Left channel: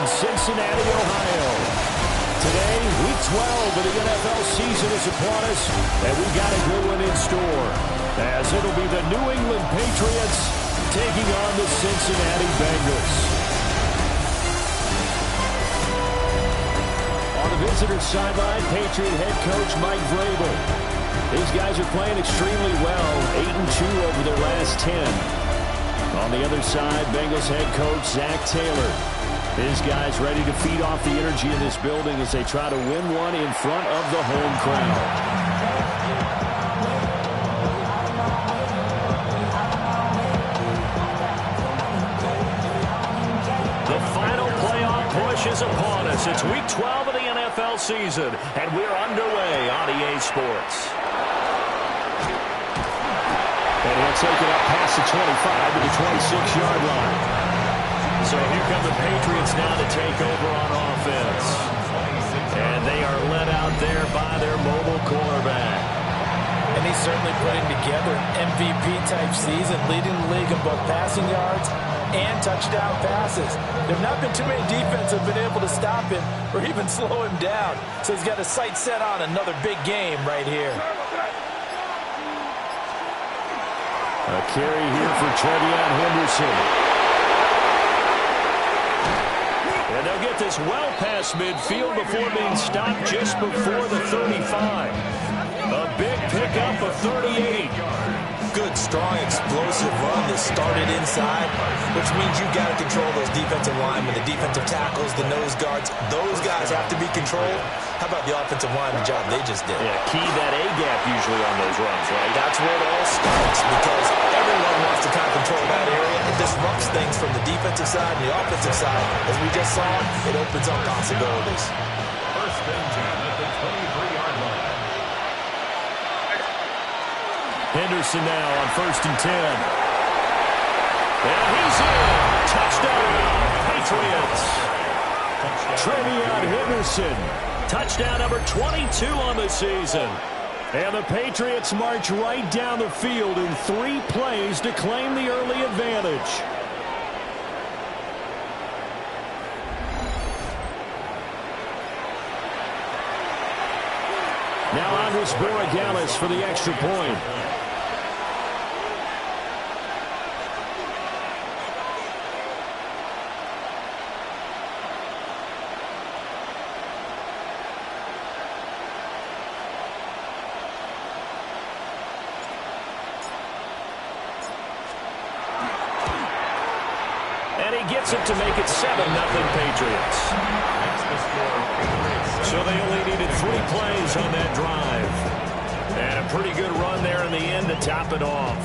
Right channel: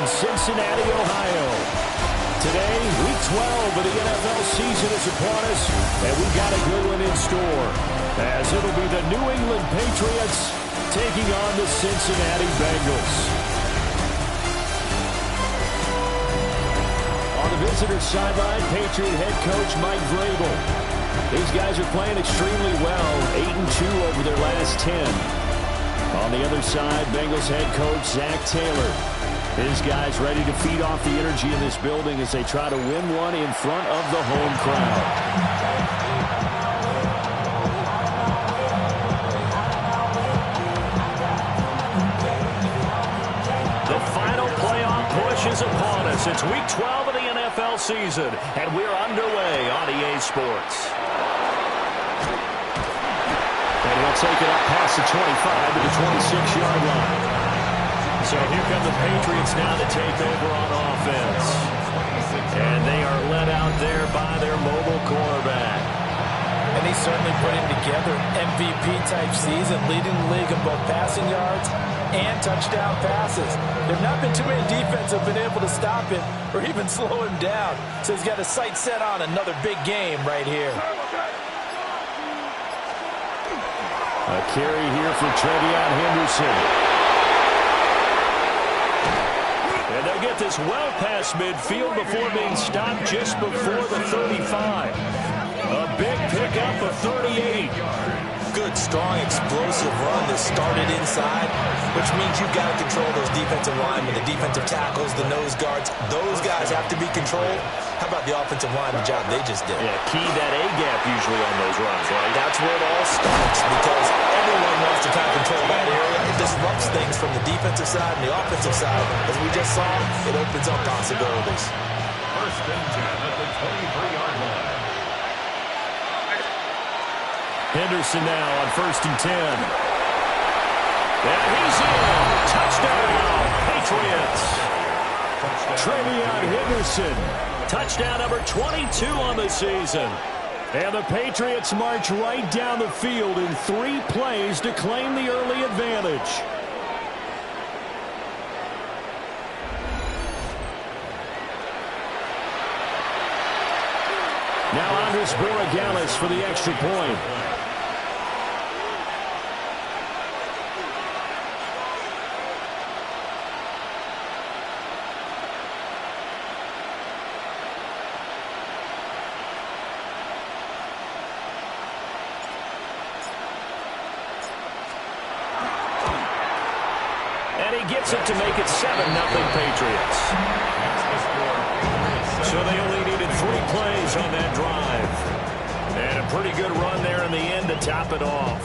in Cincinnati, Ohio. Today, Week 12 of the NFL season is upon us, and we've got a good one in store, as it'll be the New England Patriots taking on the Cincinnati Bengals. On the visitor's sideline, Patriot head coach Mike Vrabel. These guys are playing extremely well, 8-2 over their last 10. On the other side, Bengals head coach Zach Taylor. His guys ready to feed off the energy in this building as they try to win one in front of the home crowd. The final playoff push is upon us. It's Week 12 of the NFL season, and we're underway on EA Sports. And he'll take it up past the 25 to the 26-yard line. So here come the Patriots now to take over on offense. And they are led out there by their mobile quarterback. And he's certainly putting together an MVP-type season, leading the league in both passing yards and touchdown passes. There have not been too many defenses that have been able to stop him or even slow him down. So he's got his sights set on another big game right here. A carry here for Trevion Henderson. And they'll get this well past midfield before being stopped just before the 35. A big pickup of 38. Good, strong, explosive run that started inside, which means you've got to control those defensive linemen, the defensive tackles, the nose guards. Those guys have to be controlled. How about the offensive line, the job they just did? Yeah, key that A-gap usually on those runs, right? That's where it all starts, because everyone wants to kind of control that area. It disrupts things from the defensive side and the offensive side. As we just saw, it opens up possibilities. First and 10 at the 23-yard line. Henderson now on 1st and 10. And he's in. Touchdown, Patriots. Trevion Henderson. Touchdown number 22 on the season. And the Patriots march right down the field in 3 plays to claim the early advantage. Now Andres Borregales for the extra point. And he gets it to make it 7-0 Patriots. So they only needed 3 plays on that drive. And a pretty good run there in the end to top it off.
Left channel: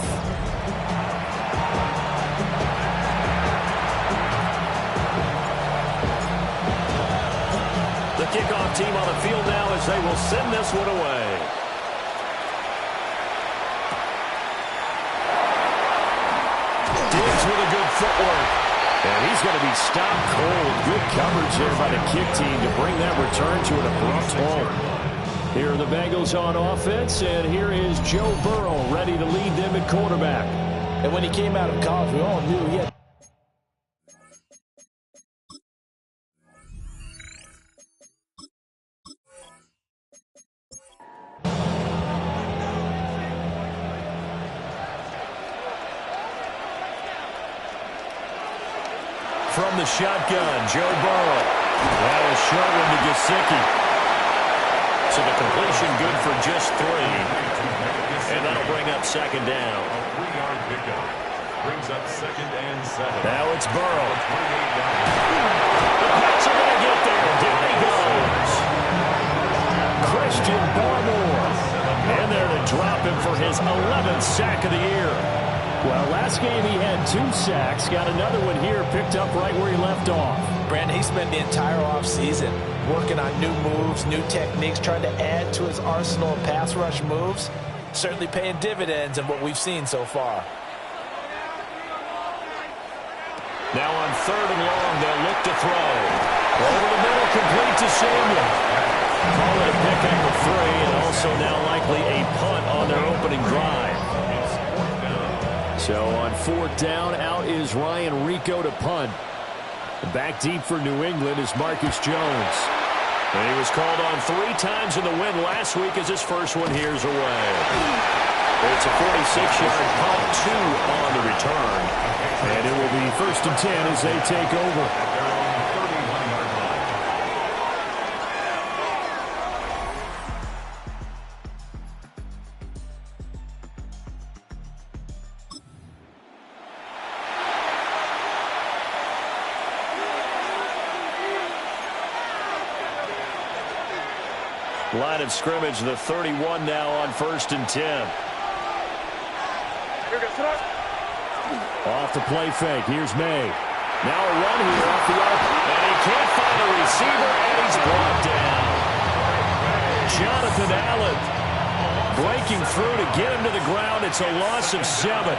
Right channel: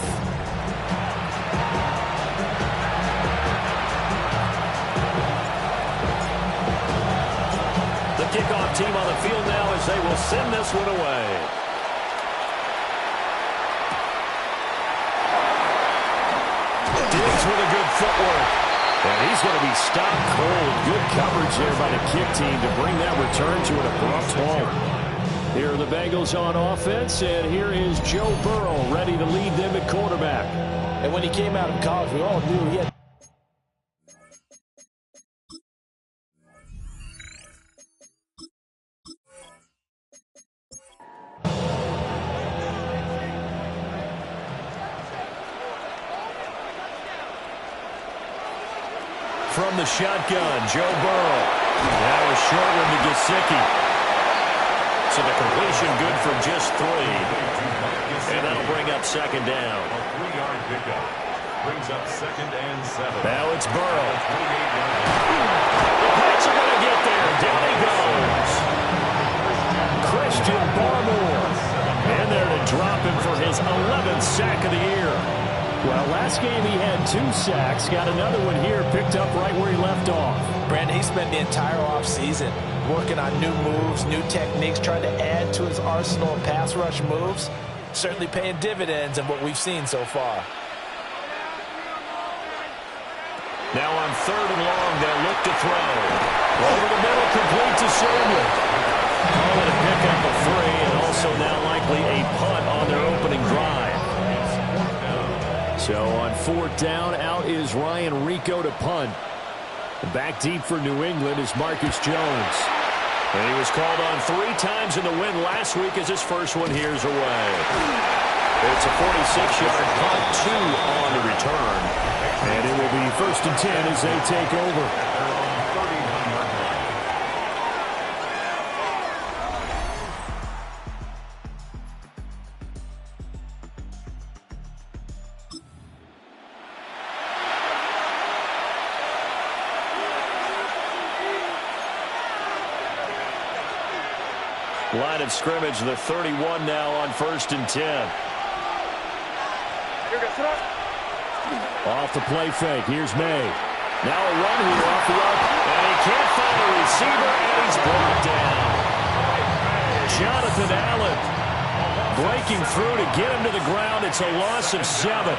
The kickoff team on the field now as they will send this one away. Diggs with a good footwork. And he's going to be stopped cold. Good coverage there by the kick team to bring that return to an abrupt halt. Here are the Bengals on offense, and here is Joe Burrow ready to lead them at quarterback. And when he came out of college, we all knew he had from the shotgun, Joe Burrow. That was short one to Gesicki. So the completion good for just 3. And that'll bring up 2nd down. A 3-yard pickup brings up 2nd and 7. Now it's Burrow. 28-yard. The Pats are going to get there. Down he goes. Christian Barmore. And there to drop him for his 11th sack of the year. Well, last game he had 2 sacks. Got another one here, picked up right where he left off. Brandon, he spent the entire offseason working on new moves, new techniques, trying to add to his arsenal of pass rush moves. Certainly paying dividends in what we've seen so far. Now on 3rd and long, they'll look to throw. Over the middle, complete to Samuel. Call it a pickup of 3, and also now likely a punt on their opening drive. So on 4th down, out is Ryan Rico to punt. Back deep for New England is Marcus Jones. And he was called on 3 times in the win last week as his first one here's away. It's a 46-yard punt, 2 on the return. And it will be 1st and 10 as they take over. At their own 31-yard line. Line of scrimmage, the 31 now on 1st and 10. Off the play fake. Here's May. Now a run here off the arc. And he can't find a receiver, and he's brought down. Jonathan Allen breaking through to get him to the ground. It's a loss of 7.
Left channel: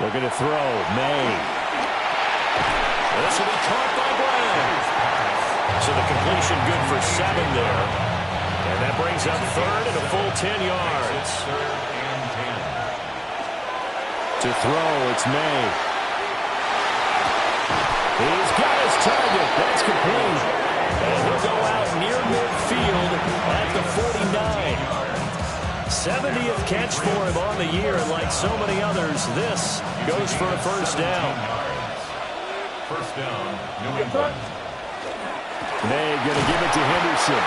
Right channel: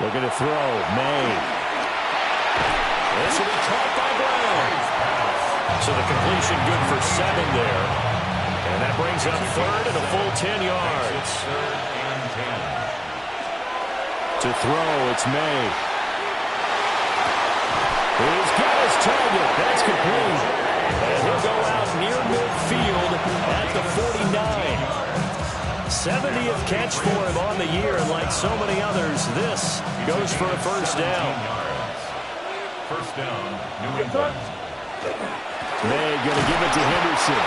Looking to throw. May. This will be caught by Brown. So the completion good for 7 there. And that brings up 3rd and a full 10 yards. It's 3rd and 10. To throw, it's May. He's got his target. That's complete. And he'll go out near midfield at the 49. 70th catch for him on the year. And like so many others, this goes for a first down. First down, New England. May going to give it to Henderson.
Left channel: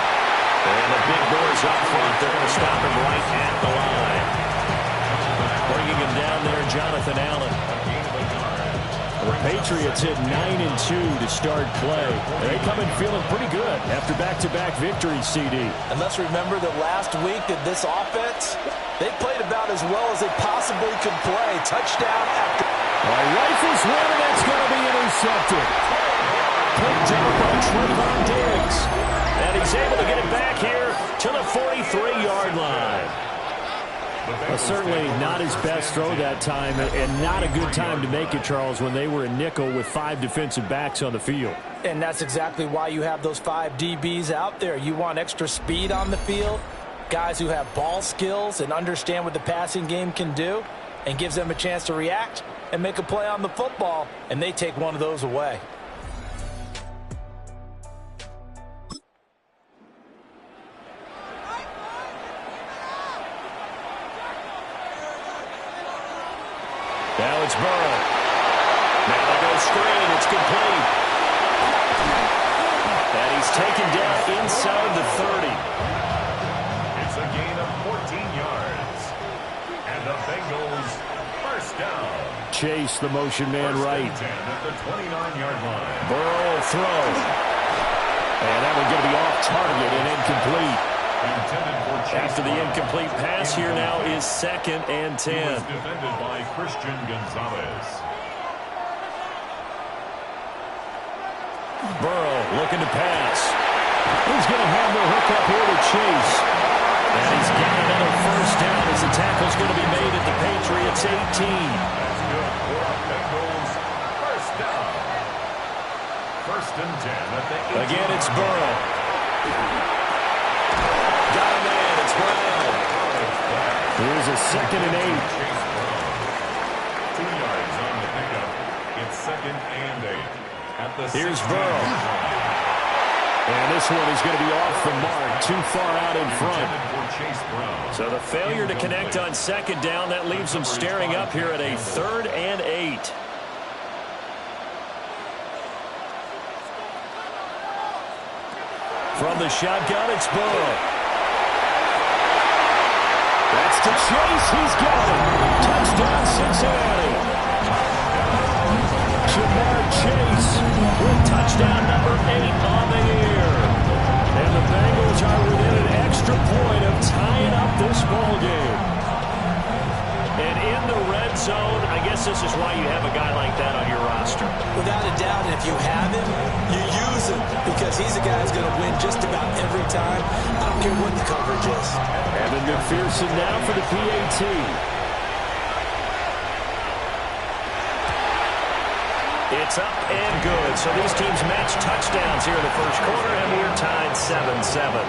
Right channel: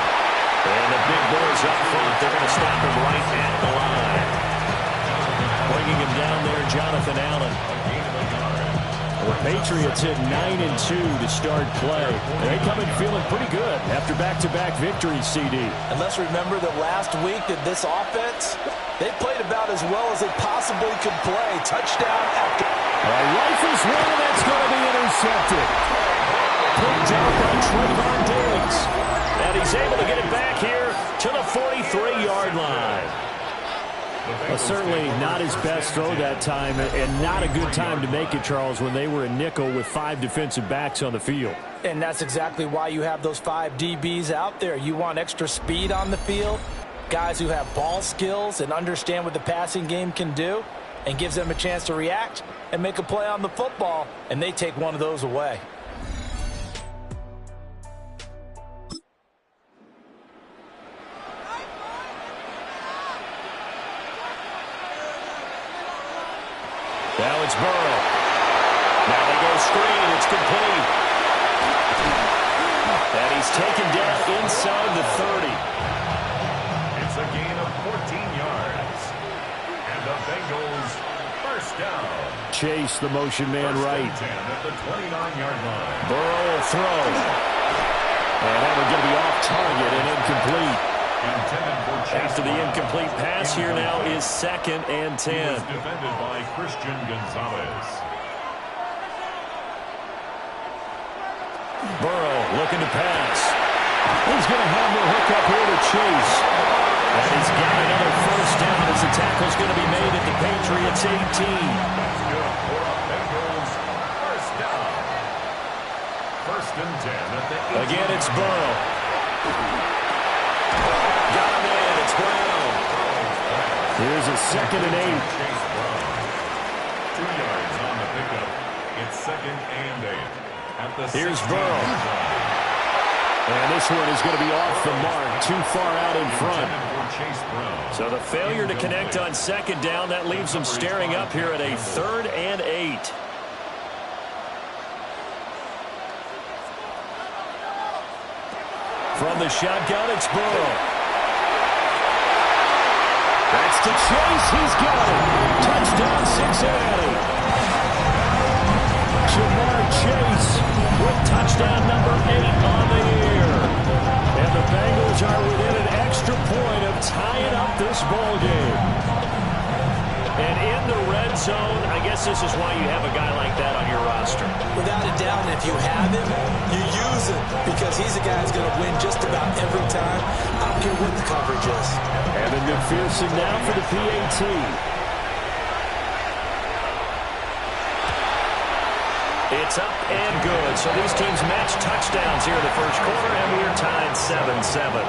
And the big boys up front, they're going to stop him right at the line. Bringing him down there, Jonathan Allen. The Patriots hit 9-2 to start play. They come in feeling pretty good after back-to-back victories, CD. And let's remember that last week that this offense, they played about as well as they possibly could play. Touchdown after. Rifles one, and that's going to be intercepted. Picked up by Trayvon Diggs. And he's able to get it back here to the 43-yard line. Certainly not his best throw that time, and not a good time to make it, Charles, when they were in nickel with 5 defensive backs on the field. And that's exactly why you have those 5 DBs out there. You want extra speed on the field, guys who have ball skills and understand what the passing game can do, and gives them a chance to react and make a play on the football, and they take one of those away. Now it's Burrow. Now they go screen. It's complete. And he's taken down inside the 30. It's a gain of 14 yards. And the Bengals first down. Chase, the motion man, right. First and 10 at the 29-yard line. Burrow will throw. And that one going to be off target and incomplete. After the incomplete pass, here now is 2nd and 10. He was defended by Christian Gonzalez. Burrow looking to pass. He's going to have the hook up here to Chase. And he's got another first down as the tackle's going to be made at the Patriots 18. That's good for a Bengals first down. 1st and 10 at the 18. Again, it's Burrow. Got him in. It's Brown. Here's a 2nd and 8. Chase Brown. 2 yards on the pickup. It's 2nd and 8. At the Here's Burrow. And this one is going to be off the mark. Too far out in front. So the failure to connect on 2nd down, that leaves them staring up here at a 3rd and 8. From the shotgun, it's Burrow. That's to Chase. He's got it. Touchdown, Cincinnati. Jamar Chase with touchdown number 8 on the year. And the Bengals are within an extra point of tying up this ball game. And in the red zone, I guess this is why you have a guy like that on your roster. Without a doubt, and if you have him, you use him because he's a guy who's going to win just about every time. I don't care what the coverage is. Evan McPherson now for the PAT. It's up and good. So these teams match touchdowns here in the first quarter, and we're tied 7-7.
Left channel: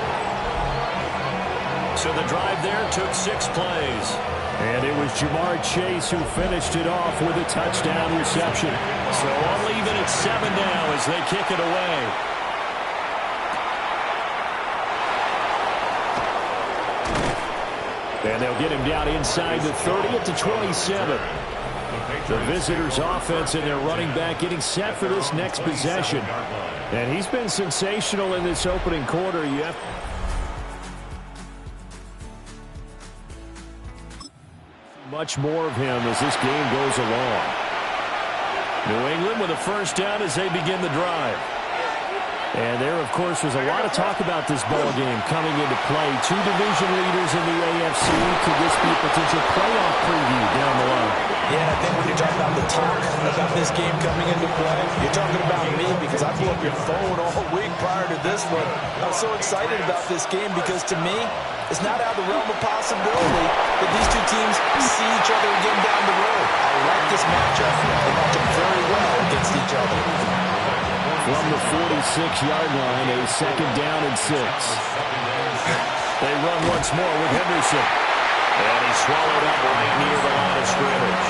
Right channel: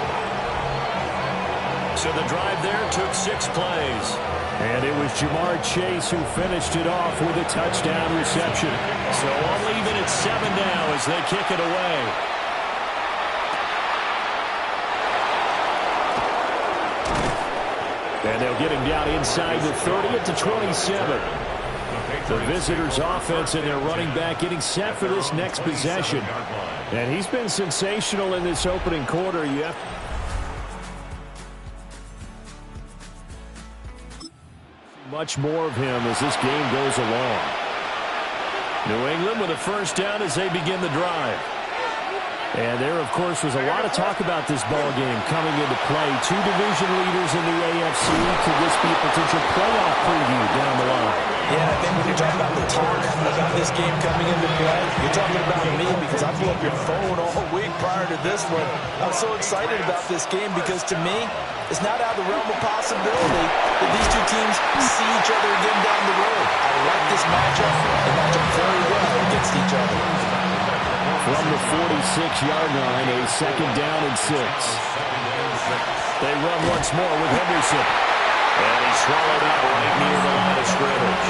So the drive there took 6 plays. And it was Jamar Chase who finished it off with a touchdown reception. So I'll leave it at 7 now as they kick it away. And they'll get him down inside the 30 at the 27. The visitors' offense and their running back getting set for this next possession. And he's been sensational in this opening quarter. You have much more of him as this game goes along. New England with a first down as they begin the drive. And there, of course, was a lot of talk about this ball game coming into play. Two division leaders in the AFC. Could this be a potential playoff preview down the line? Yeah, and I think when you're talking about the talk about this game coming into play, you're talking about me because I blew up your phone all week prior to this one. I'm so excited about this game because, to me, it's not out of the realm of possibility that these two teams see each other again down the road. I like this matchup. They match up very well against each other. From the 46-yard line, a second down and 6. They run once more with Henderson. And he's swallowed up right near the line of scrimmage.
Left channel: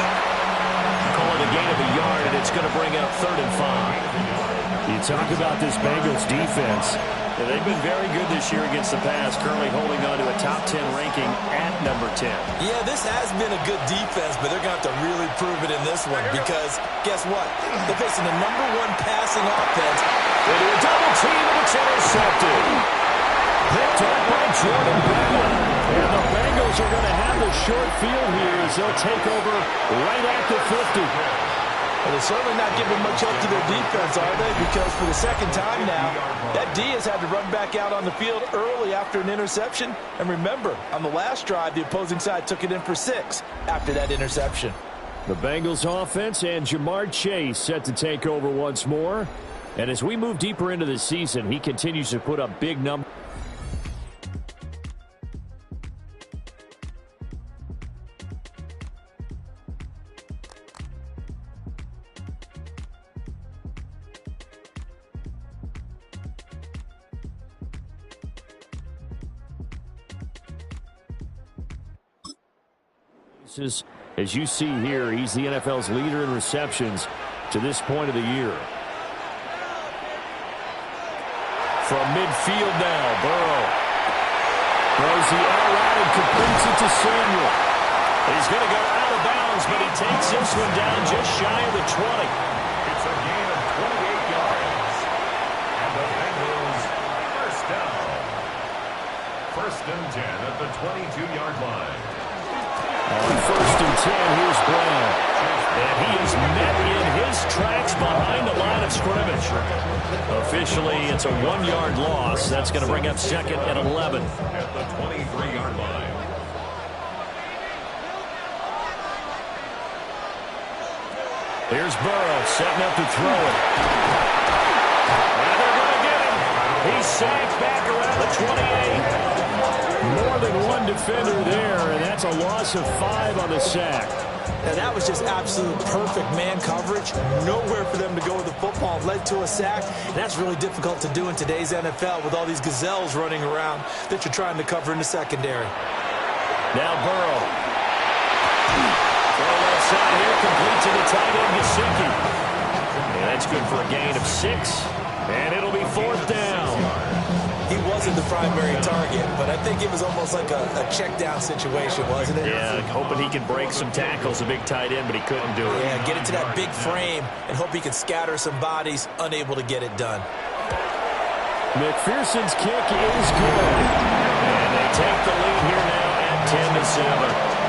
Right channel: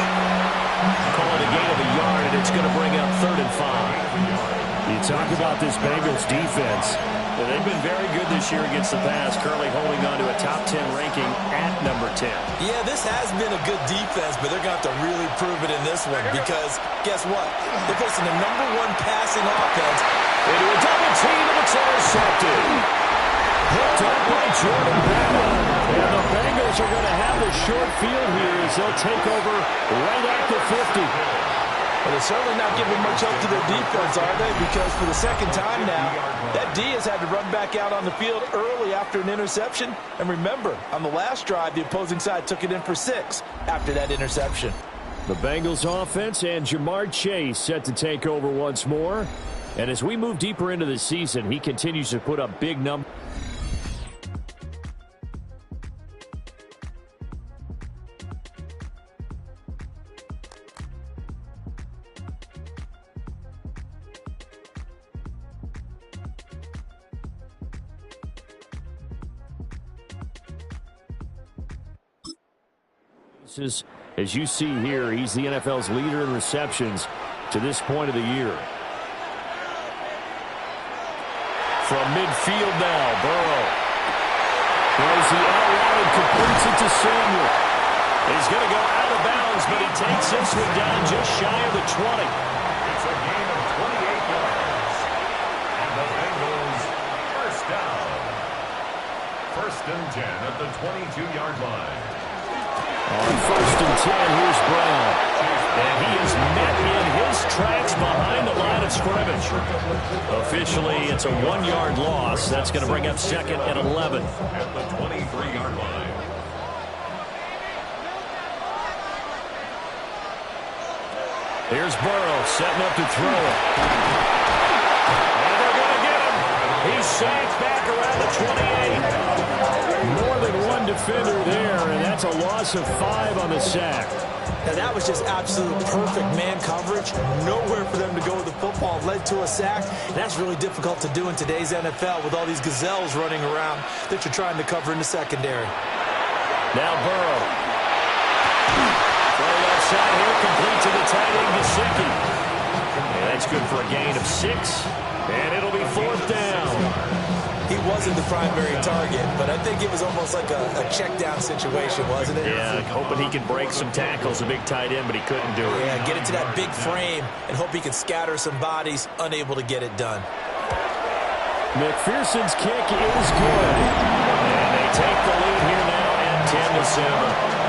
Call it a gain of a yard, and it's going to bring up 3rd and 5. You talk about this Bengals defense. They've been very good this year against the pass, currently holding on to a top 10 ranking at number 10. Yeah, this has been a good defense, but they're going to have to really prove it in this one because guess what? They're facing the #1 passing offense. They do a double team, and it's intercepted. Picked up by Jordan Bell. And the Bengals are going to have the short field here as they'll take over right at the 50. Well, they're certainly not giving much help to their defense, are they? Because for the second time now, that D has had to run back out on the field early after an interception. And remember, on the last drive, the opposing side took it in for 6 after that interception. The Bengals offense and Jamar Chase set to take over once more. And as we move deeper into the season, he continues to put up big numbers. As you see here, he's the NFL's leader in receptions to this point of the year. From midfield now, Burrow throws the out route and completes it to Samuel. He's going to go out of bounds, but he takes this one down just shy of the 20. It's a gain of 28 yards. And the Bengals first down. 1st and 10 at the 22-yard line. On 1st and 10, here's Brown. And he is met in his tracks behind the line of scrimmage. Officially, it's a 1-yard loss. That's going to bring up 2nd and 11. At the 23-yard line. Here's Burrow setting up to throw it. And they're going to get him. He's sacked back around the 28. More than one defender there, and that's a loss of 5 on the sack. And that was just absolute perfect man coverage. Nowhere for them to go with the football. Led to a sack. And that's really difficult to do in today's NFL with all these gazelles running around that you're trying to cover in the secondary. Now Burrow. Throw left side here, complete to the tight end, Gesicki. And that's good for a gain of 6. And it'll be 4th down. He wasn't the primary target, but I think it was almost like a check down situation, wasn't it? Yeah, hoping he can break some tackles, a big tight end, but he couldn't do it. Yeah, get it to that big frame and hope he can scatter some bodies, unable to get it done. McPherson's kick is good. And they take the lead here now at 10-7.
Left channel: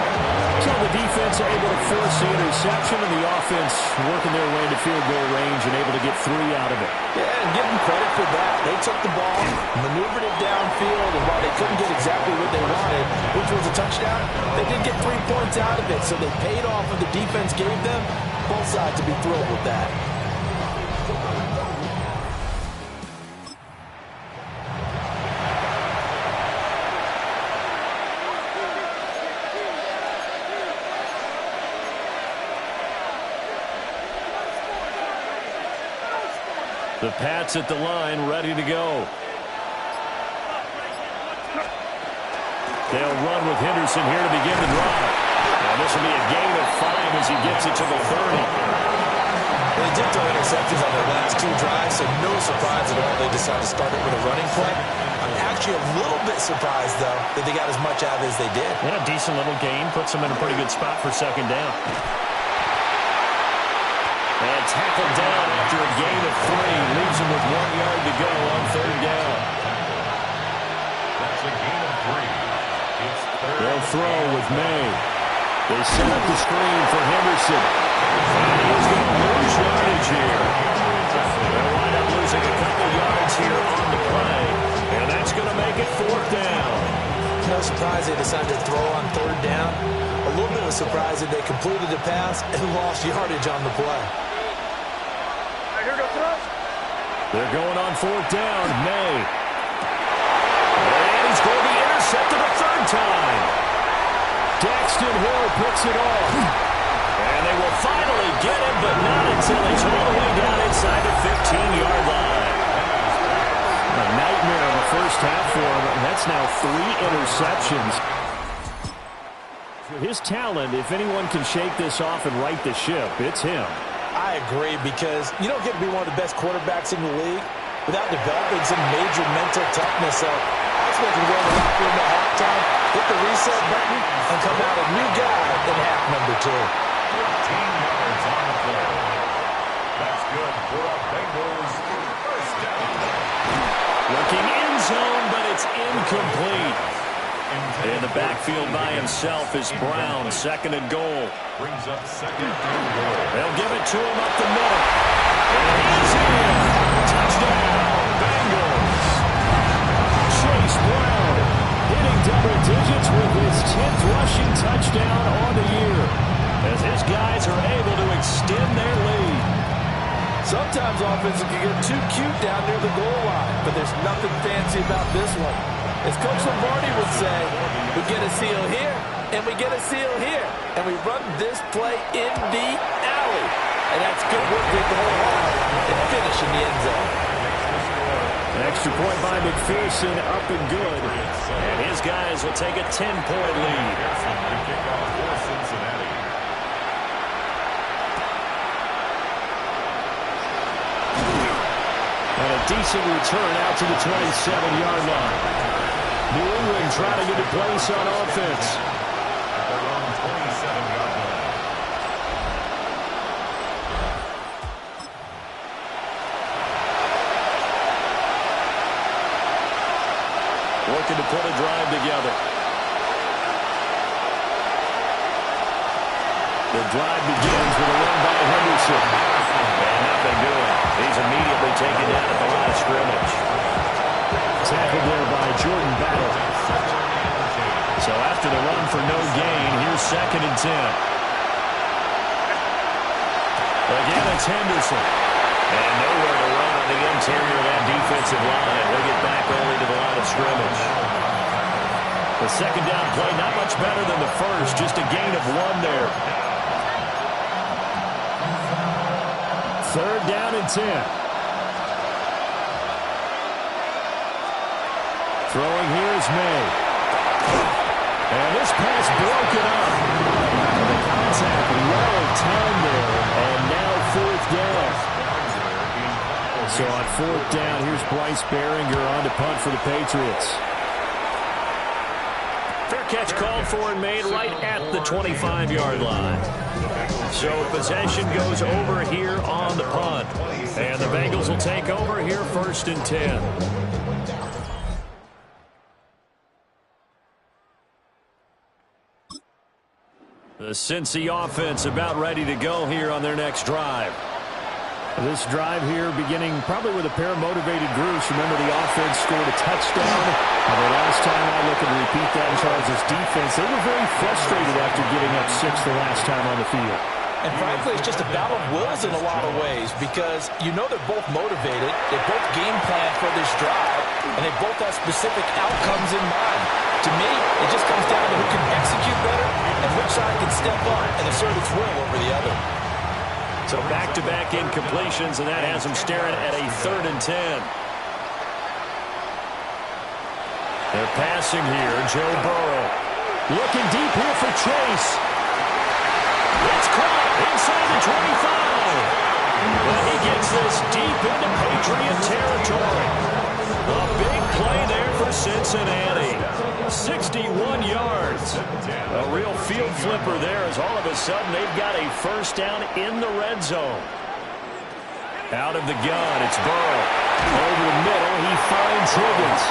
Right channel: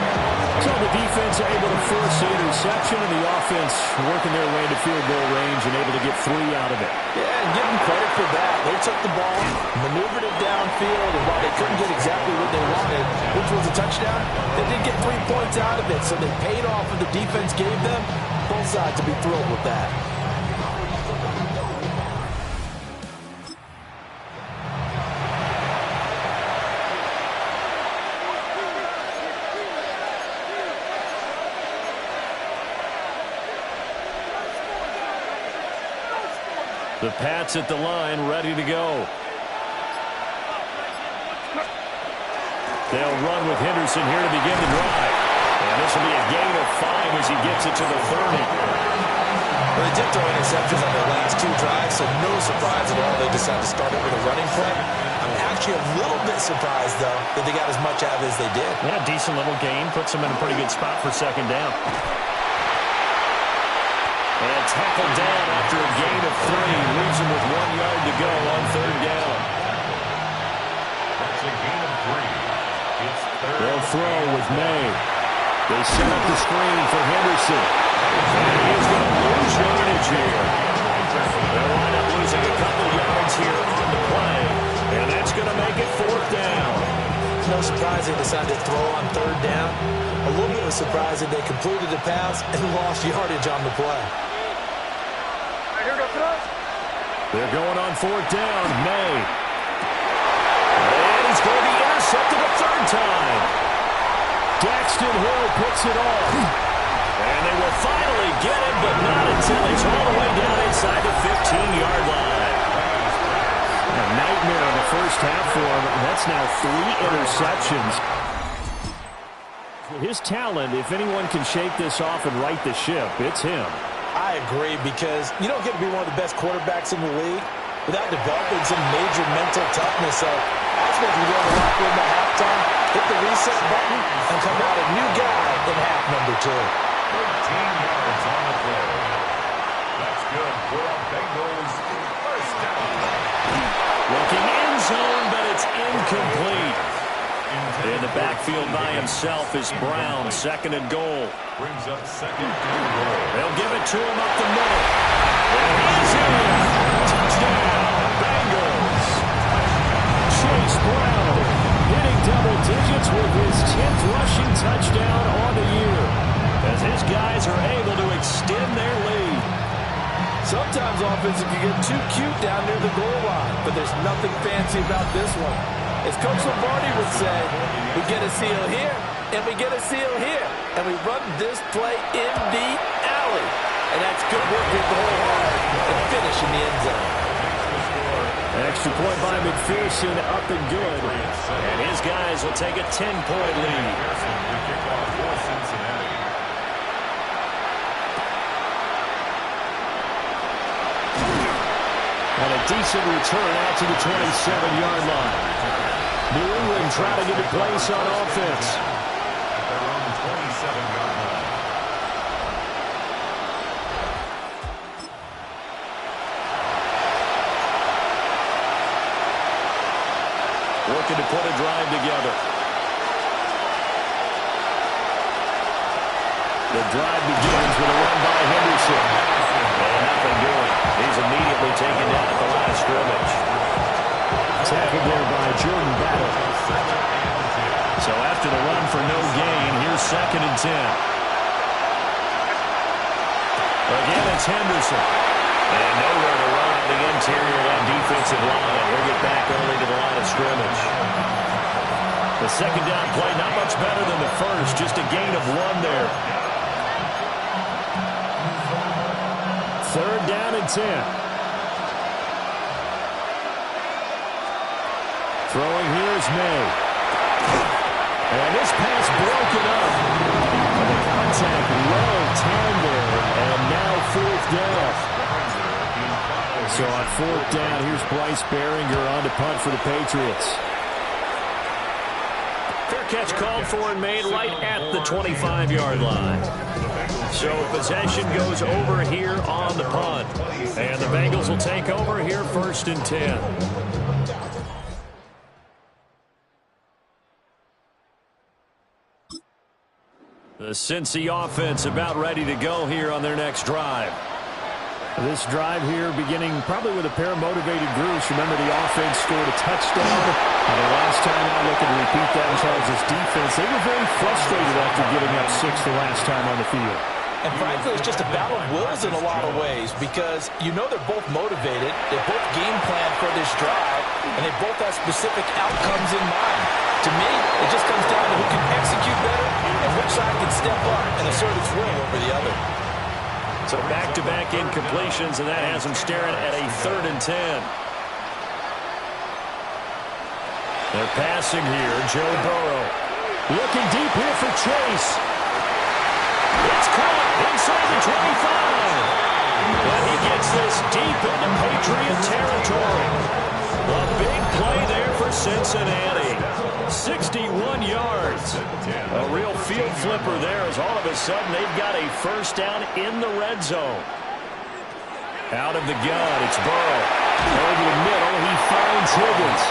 So the defense able to force the interception, and the offense working their way into field goal range and able to get 3 out of it. Yeah, and give them credit for that. They took the ball, maneuvered it downfield, and while they couldn't get exactly what they wanted, which was a touchdown, they did get 3 points out of it, so they paid off what the defense gave them. Both sides to be thrilled with that. The Pats at the line, ready to go. They'll run with Henderson here to begin the drive. And this will be a gain of 5 as he gets it to the 30. Well, they did throw interceptions on their last 2 drives, so no surprise at all they decided to start it with a running play. I'm actually a little bit surprised, though, that they got as much out of it as they did. Yeah, decent little gain. Puts them in a pretty good spot for second down. And tackled down after a gain of 3. Leaves him with 1 yard to go on third down. That's a gain of 3. It's third. They'll throw with May. They set up the screen for Henderson. And he is going to lose yardage here. They'll wind up losing a couple yards here on the play. And that's going to make it fourth down. No surprise they decided to throw on third down. A little bit of a surprise that they completed the pass and lost yardage on the play. They're going on fourth down. May. And he's going to be intercepted a third time. Daxton Hill picks it off. And they will finally get him, but not until he's all the way down inside the 15-yard line. A nightmare in the first half for him. That's now 3 interceptions. With his talent, if anyone can shake this off and right the ship, it's him. I agree, because you don't get to be one of the best quarterbacks in the league without developing some major mental toughness. So I expect him to go in the locker room at halftime, hit the reset button, and come out a new guy in half number 2. 13 yards on the play. That's good for a Bengals first down. Looking end zone, but it's incomplete. In the backfield by himself is Brown, second and goal. Brings up second and goal. They'll give it to him up the middle. And he's in. Touchdown, Bengals. Chase Brown hitting double digits with his 10th rushing touchdown on the year, as his guys are able to extend their lead. Sometimes offenses can get too cute down near the goal line, but there's nothing fancy about this one. As Coach Lombardi would say, we get a seal here, and we get a seal here, and we run this play in the alley. And that's good work to hit the hole hard and finish in the end zone. Extra point by McPherson, up and good. And his guys will take a 10-point lead. The kickoff for Cincinnati. And a decent return out to the 27-yard line. New England trying to get a place on offense. At their own 27-yard line. Working to put a drive together. The drive begins with a run by Henderson. And nothing doing. He's immediately taken down at the line of scrimmage. Tackled there by Jordan Battle. So after the run for no gain, here's second and 10. Again, it's Henderson. And nowhere to run on the interior of that defensive line. They get back only to the line of scrimmage. The second down play, not much better than the first. Just a gain of 1 there. Third down and 10. Throwing here is May. And this pass broken up. And the contact well timed there. And now fourth down. So on fourth down, here's Bryce Behringer on to punt for the Patriots. Fair catch called for and made right at the 25-yard line. So possession goes over here on the punt. And the Bengals will take over here first and 10. The Cincy offense about ready to go here on their next drive. This drive here beginning probably with a pair of motivated groups. Remember, the offense scored a touchdown. And the last time out, looking to repeat that in Charles' defense, they were very frustrated after giving up 6 the last time on the field. And frankly, it's just a battle of wills in a lot of ways, because you know they're both motivated, they both game plan for this drive, and they both have specific outcomes in mind. To me, it just comes down to who can execute better and which side can step up and assert its will over the other. So back-to-back incompletions, and that has them staring at a third and 10. They're passing here. Joe Burrow looking deep here for Chase. It's caught inside the 25. But he gets this deep into Patriot territory. A big play there for Cincinnati. 61 yards. A real field flipper there as all of a sudden they've got a first down in the red zone. Out of the gun, it's Burrow. Over the middle, he finds Higgins.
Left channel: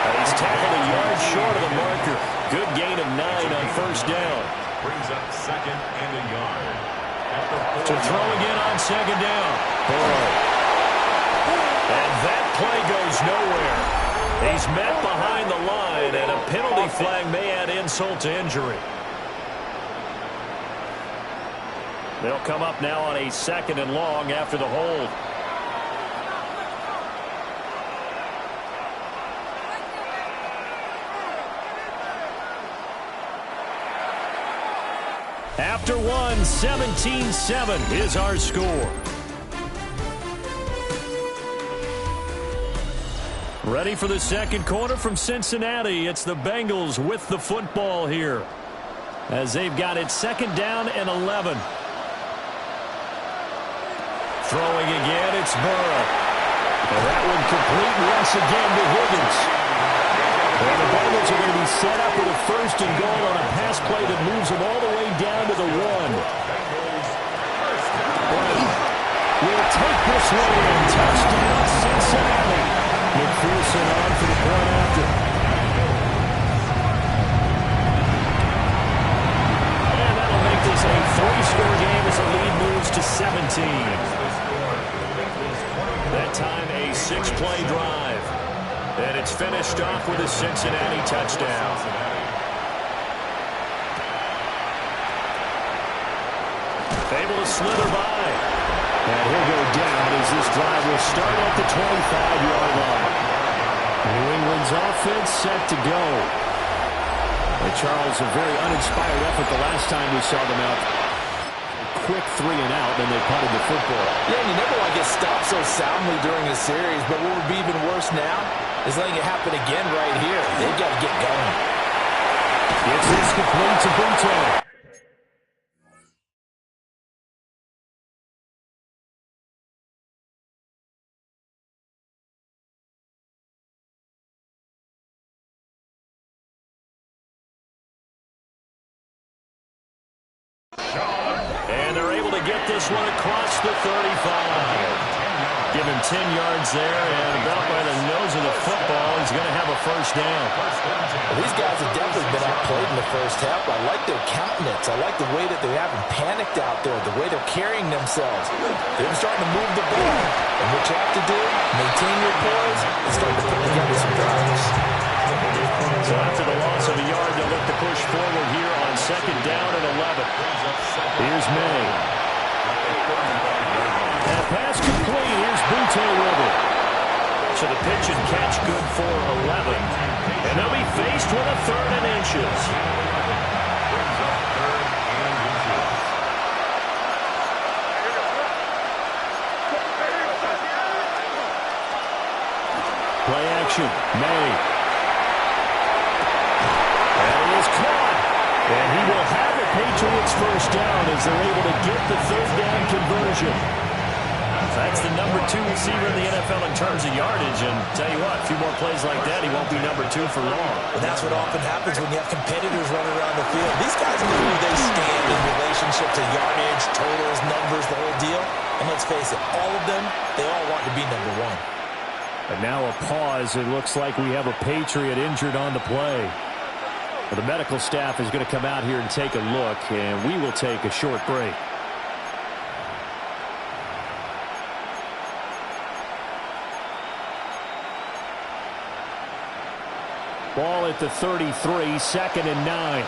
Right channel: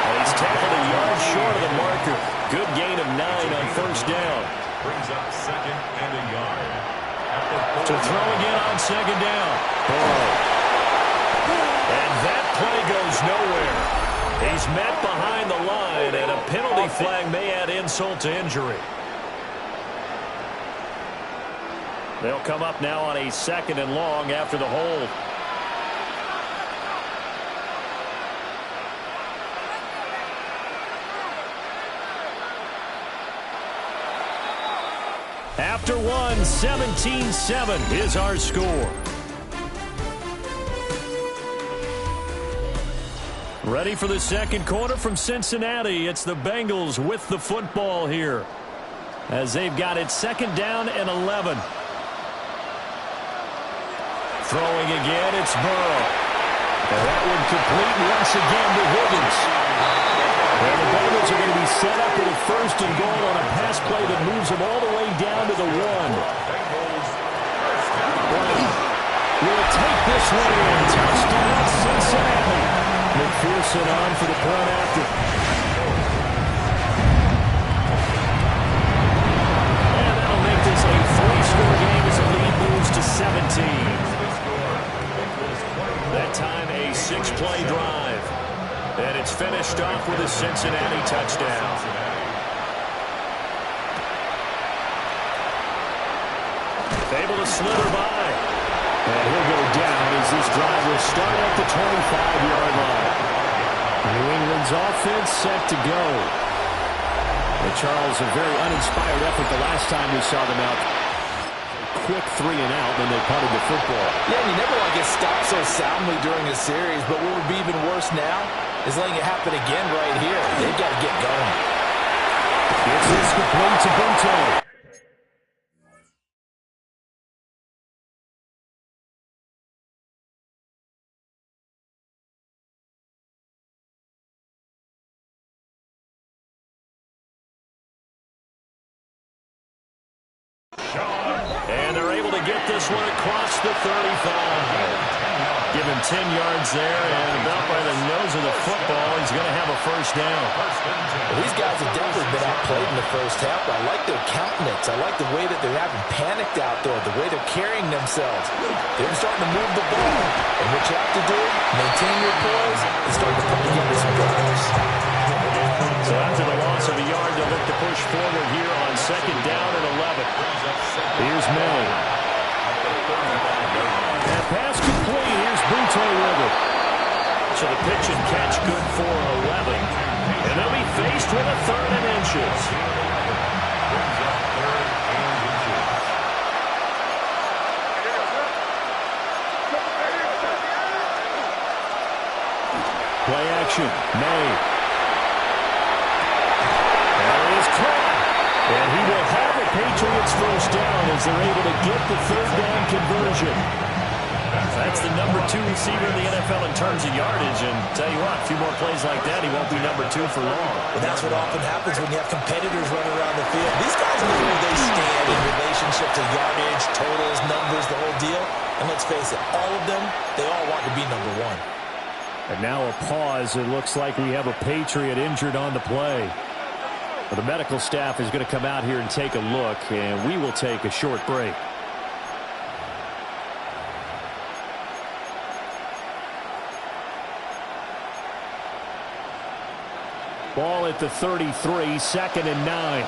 And he's tackled a yard short of the marker. Good gain of 9 on first down. Brings up second and a yard. To throw again on second down. Burrow. And that play goes nowhere. He's met behind the line, and a penalty flag may add insult to injury. They'll come up now on a 2nd and long after the hold. After one, 17-7 is our score. Ready for the second quarter from Cincinnati. It's the Bengals with the football here as they've got it 2nd down and 11. Throwing again, it's Burrow. And that one complete once again to Higgins. And the Bengals are going to be set up with a 1st and goal on a pass play that moves them all the way down to the 1. Will take this one in. Touchdown, Cincinnati. McPherson on for the point after. And that'll make this a 3-score game as the lead moves to 17. That time a 6-play drive. And it's finished off with a Cincinnati touchdown. Able to slither by. And he'll go down as this drive will start at the 25-yard line. New England's offense set to go. And Charles, a very uninspired effort the last time we saw them out. Quick 3 and out, then they punted the football. Yeah, and you never want to get stopped so soundly during a series, but what would be even worse now is letting it happen again right here. They've got to get going. It's this complete to Bunte. And they're able to get this one across the 35. Give him 10 yards there, and about by the nose of the football, he's going to have a first down. Well, these guys have definitely been outplayed in the first half. I like their countenance. I like the way that they haven't panicked out there, the way they're carrying themselves. They're starting to move the ball. And what you have to do, maintain your poise and start to put together some drives. So after the loss of a yard, they'll look to push forward here on 2nd down and 11. Here's May. And pass complete. Here's Bunte with it. So the pitch and catch good for 11. And they'll be faced with a 3rd and inches. Brings up 3rd and inches. Play action. May. And it is caught. And he will have a Patriots first down as they're able to get the 3rd down conversion. That's the number 2 receiver in the NFL in terms of yardage. And tell you what, a few more plays like that, he won't be number 2 for long. But that's what often happens when you have competitors running around the field. These guys know where they stand in relationship to yardage, totals, numbers, the whole deal. And let's face it, all of them, they all want to be number 1. And now a pause. It looks like we have a Patriot injured on the play. Well, the medical staff is going to come out here and take a look, and we will take a short break. Ball at the 33, 2nd and 9.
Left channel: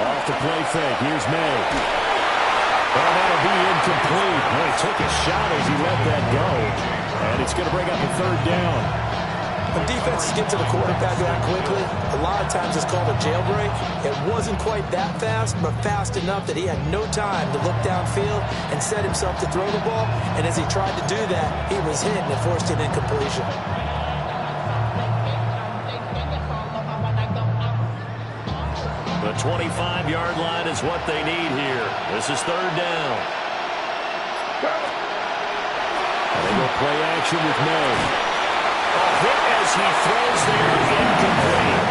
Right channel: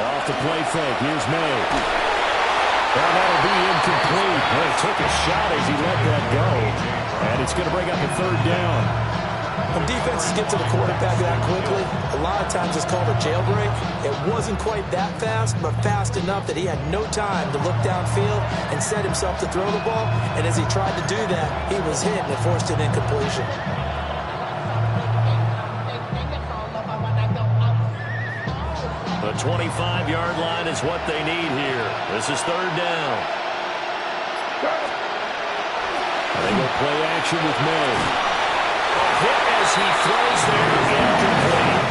Off the play fake. Here's May. Well, that'll be incomplete. Well, he took a shot as he let that go. And it's going to bring up a 3rd down. When defenses get to the quarterback that quickly, a lot of times it's called a jailbreak. It wasn't quite that fast, but fast enough that he had no time to look downfield and set himself to throw the ball. And as he tried to do that, he was hit and it forced an incompletion. The 25-yard line is what they need here. This is third down. And they go play action with May. A hit as he throws there, incomplete.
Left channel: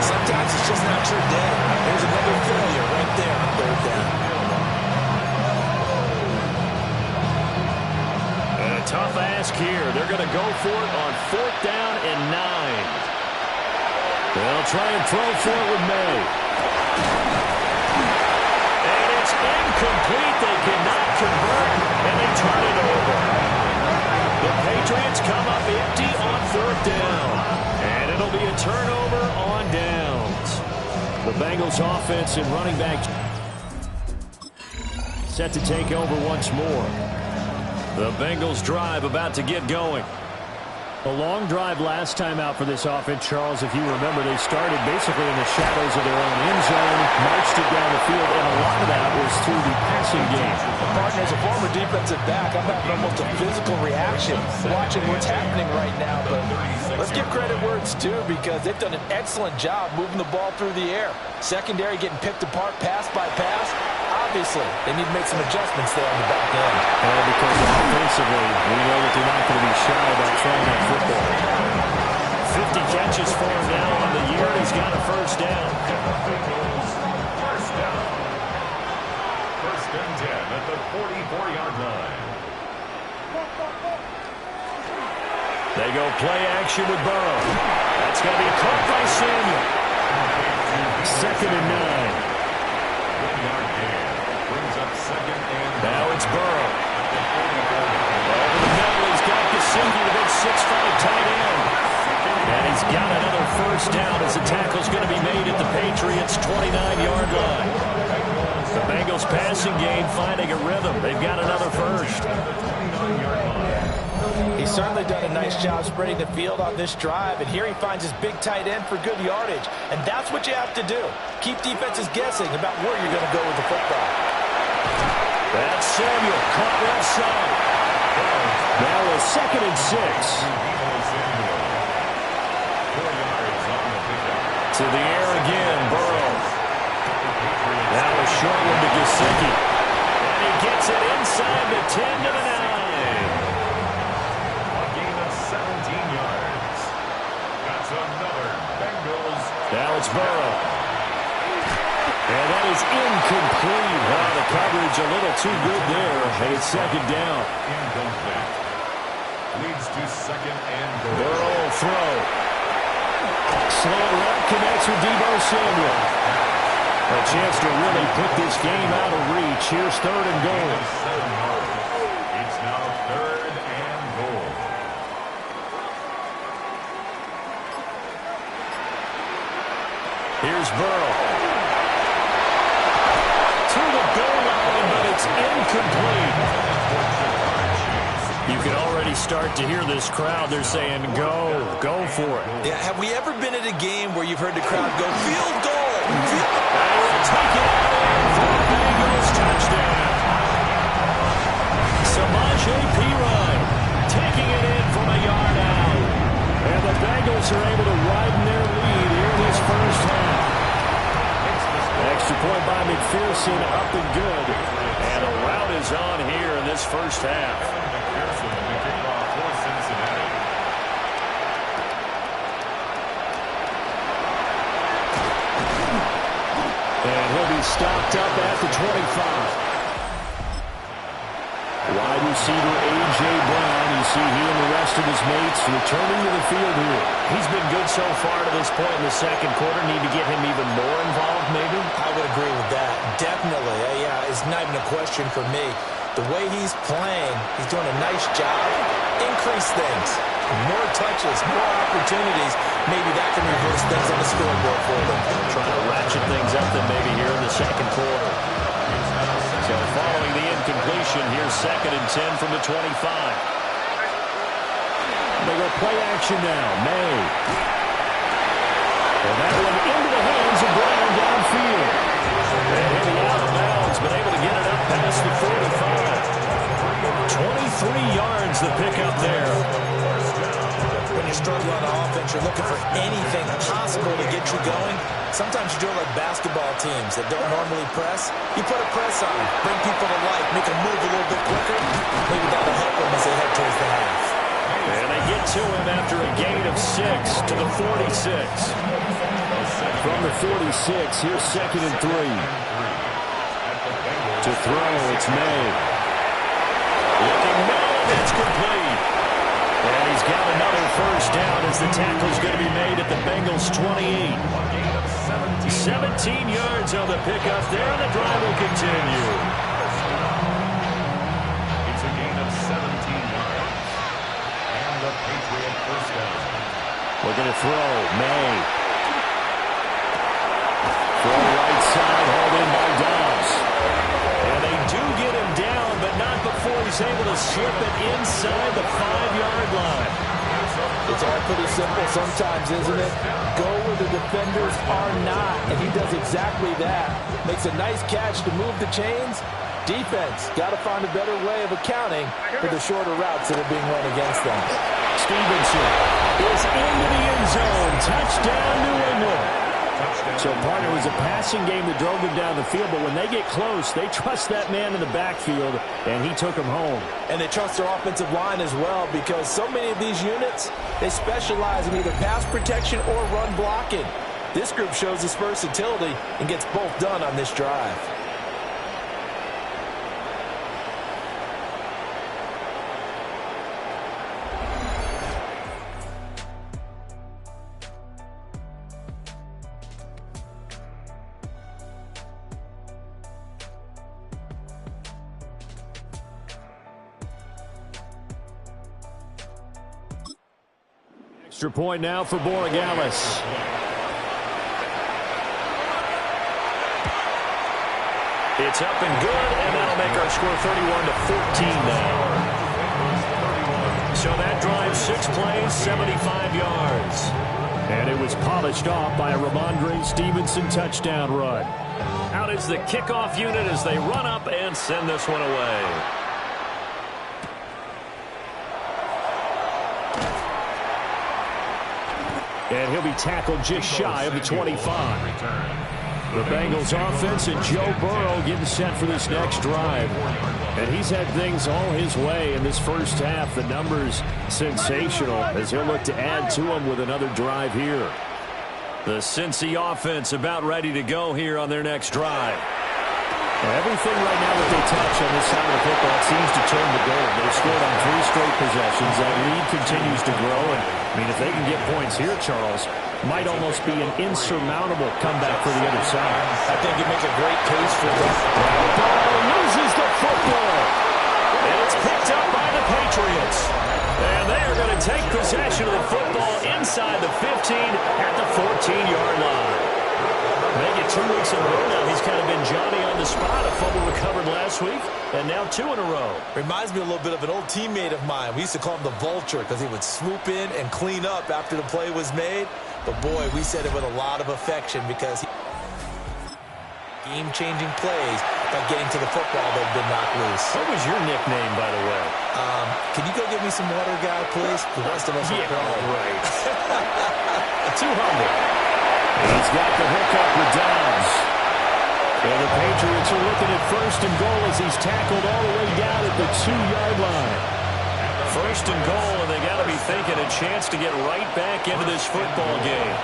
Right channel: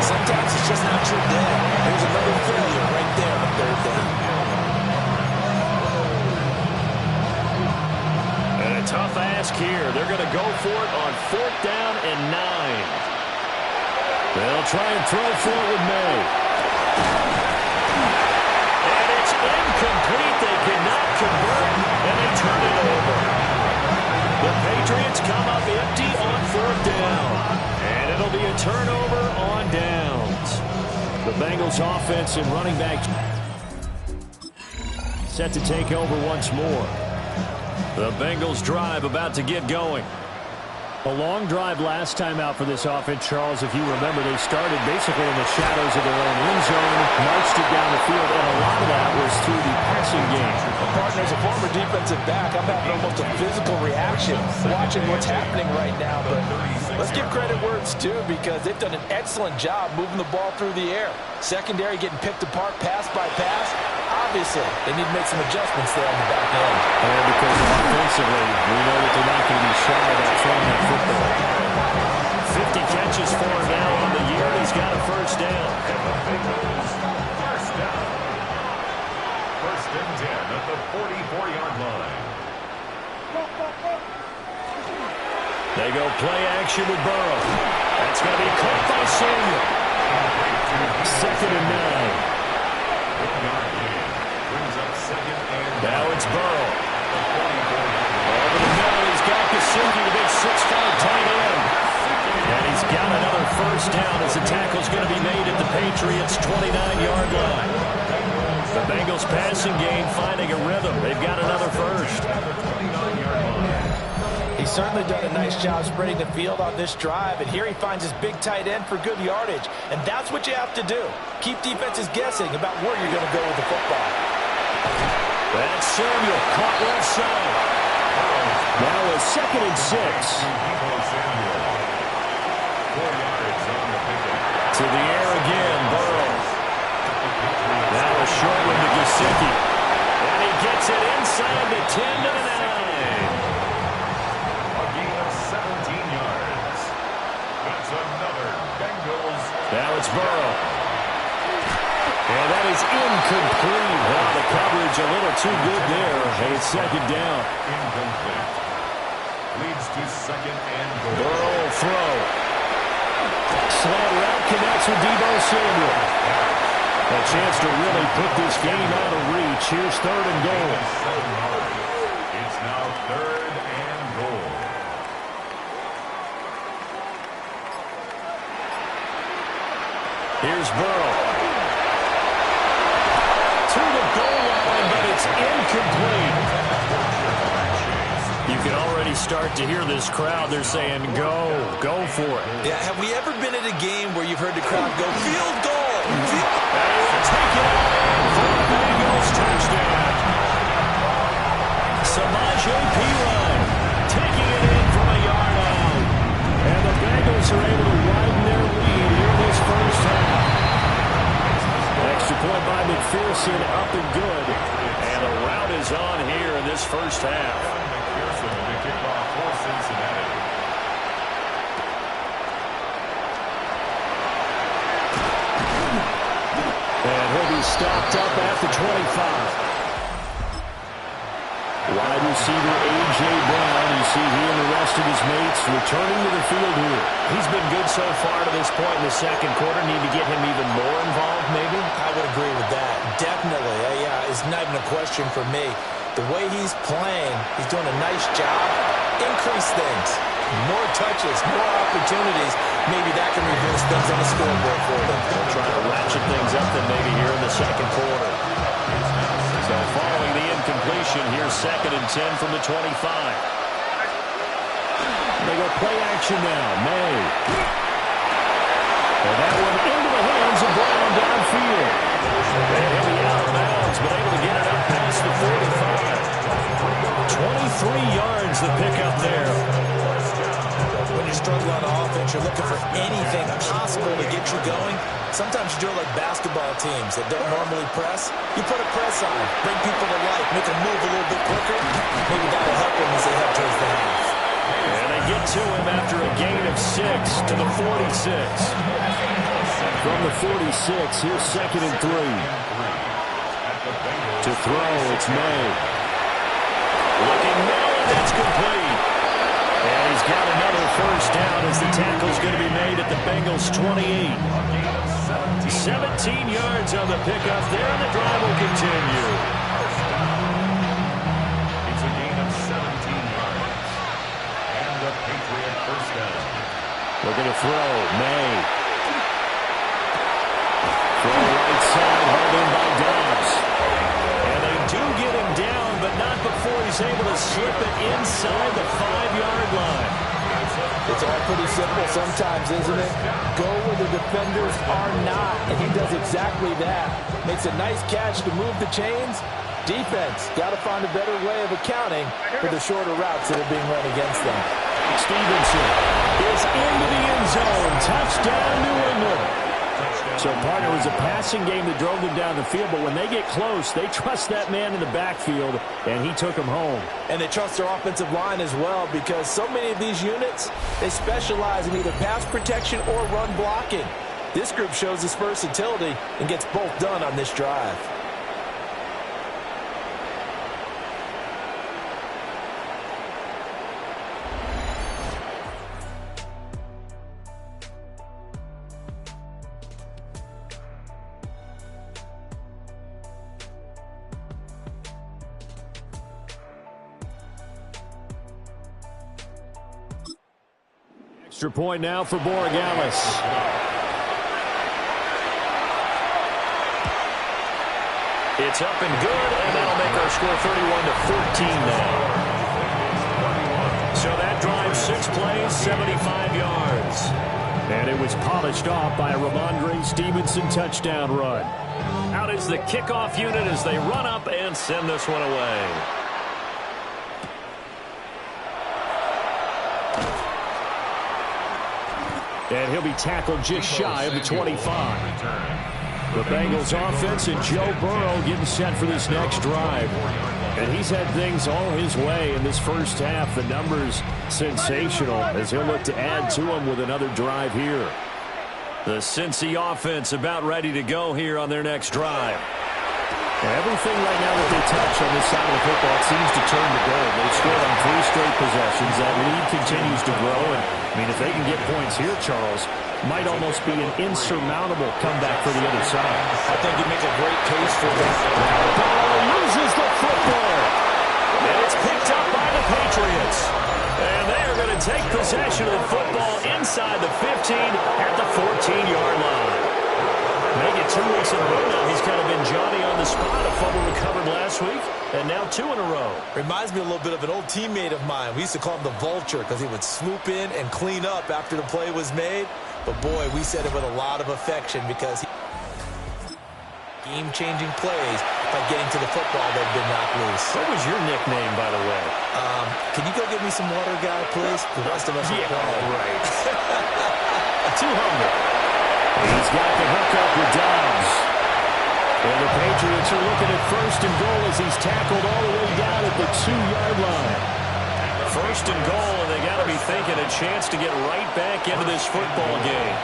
Sometimes it's just not your day. There's another failure right there on third down. And a tough ask here. They're going to go for it on 4th down and 9. They'll try and throw for it with May. And it's incomplete. They cannot convert, and they turn it over. The Patriots come up empty on 4th down. And it'll be a turnover on downs. The Bengals offense and running back set to take over once more. The Bengals drive about to get going. A long drive last time out for this offense, Charles. If you remember, they started basically in the shadows of their own end zone, marched it down the field, and a lot of that was through the passing game. Well, partner, as a former defensive back, I'm having almost a physical reaction watching what's happening right now. But let's give credit where it's due, because they've done an excellent job moving the ball through the air. Secondary getting picked apart pass by pass. Obviously, they need to make some adjustments there on the back end. And because offensively, we know that they're not going to be shy about throwing that football. 50 catches for him now on the year, and he's got a first down. And the Bengals, first down. 1st and 10 at the 44-yard line. They go play action with Burrow. That's going to be caught by Samuel. 2nd and 9. 1-yard gain. Brings up 2nd and 9. Now it's Burrow. At the 44-yard line. Over the middle, he's got Gesicki, the big 6'5" tight end. And he's got another first down as the tackle's going to be made at the Patriots' 29-yard line. The Bengals passing game finding a rhythm. They've got another first. He's certainly done a nice job spreading the field on this drive, and here he finds his big tight end for good yardage. And that's what you have to do. Keep defenses guessing about where you're going to go with the football. That's Samuel, caught left side. Now a 2nd and 6. 4 yards on the pickup. To the air again, Burrow. Now a short one to Gesicki. And he gets it inside the 10 to the 9. A gain of 17 yards. That's another Bengals. Now it's Burrow. And that is incomplete. Well, the coverage a little too good there. And it's 2nd down. Incomplete. Leads to 2nd and goal. Burrow will throw. Slant route connects with Deebo Samuel. A chance to really put this game out of reach. Here's 3rd and goal. 7 yards. It's now 3rd and goal. Here's Burrow. To the goal line, but it's incomplete. You can already start to hear this crowd. They're saying, go for it. Yeah, have we ever been at a game where you've heard the crowd go, field goal? And he will take it out in for a Bengals touchdown. Samaje Perine taking it in from a yard out. And the Bengals are able to widen their lead here in this first half. Extra point by McPherson, up and good. And a rout is on here in this first half. McPherson in the kickoff for Cincinnati. And he'll be stopped up at the 25. Wide receiver A.J. Brown. You see he and the rest of his mates returning to the field here. He's been good so far to this point in the second quarter. Need to get him even more involved, maybe? I would agree with that. Definitely. Yeah, it's not even a question for me. The way he's playing, he's doing a nice job. Increase things. More touches, more opportunities. Maybe that can reverse things on the scoreboard for them. Trying to ratchet things up then maybe here in the second quarter. So following the incompletion, here's 2nd and 10 from the 25. They go play action now. May. And that one into the hands of Brown downfield. And he'll be out of bounds, but able to get it up past the 45. 23 yards the pickup there. When you struggle on offense, you're looking for anything possible to get you going. Sometimes you do it like basketball teams that don't normally press. You put a press on, bring people to life, make them move a little bit quicker. Maybe that'll help them as they head towards the half. And they get to him after a gain of 6 to the 46. From the 46, here's 2nd and 3. To throw, it's May. Looking now, and that's complete. And he's got another first down as the tackle's going to be made at the Bengals' 28. 17 yards on the pickup there, and the drive will continue. It's a gain of 17 yards. And the Patriot first down. Looking to throw, May. Throw right side, hauled in by Dobbs. And they do get him down, but not before he's able to slip it inside the 5-yard line. It's all pretty simple sometimes, isn't it? Go where the defenders are not, and he does exactly that. Makes a nice catch to move the chains. Defense, got to find a better way of accounting for the shorter routes that are being run against them. Stevenson is into the end zone. Touchdown, New England. So, partner, it was a passing game that drove them down the field, but when they get close, they trust that man in the backfield, and he took him home. And they trust their offensive line as well, because so many of these units, they specialize in either pass protection or run blocking. This group shows its versatility and gets both done on this drive. Extra point now for Borregales. It's up and good, and that'll make our score 31-14 now. So that drive, 6 plays, 75 yards. And it was polished off by a Ramondre Stevenson touchdown run. Out is the kickoff unit as they run up and send this one away. And he'll be tackled just shy of the 25. The Bengals offense and Joe Burrow getting set for this next drive. And he's had things all his way in this first half. The numbers sensational as he'll look to add to them with another drive here. The Cincy offense about ready to go here on their next drive. Everything right now that they touch on this side of the football seems to turn to gold. They've scored on 3 straight possessions. That lead continues to grow. And, I mean, if they can get points here, Charles, might almost be an insurmountable comeback for the other side. I think you make a great case for that. Ball loses the football. And it's picked up by the Patriots. And they are going to take possession of the football inside the 15 at the 14-yard line. Make it 2 weeks in a row now. He's kind of been Johnny on the spot. A fumble recovered last week, and now 2 in a row. Reminds me a little bit of an old teammate of mine. We used to call him the Vulture because he would swoop in and clean up after the play was made. But, boy, we said it with a lot of affection because he game-changing plays by getting to the football that had been knocked loose. What was your nickname, by the way? Can you go get me some water, guy, please? The rest of us are all right. Too humble. He's got the hook up with Dobbs. And the Patriots are looking at 1st and goal as he's tackled all the way down at the 2-yard line. 1st and goal, and they got to be thinking a chance to get right back into this football game.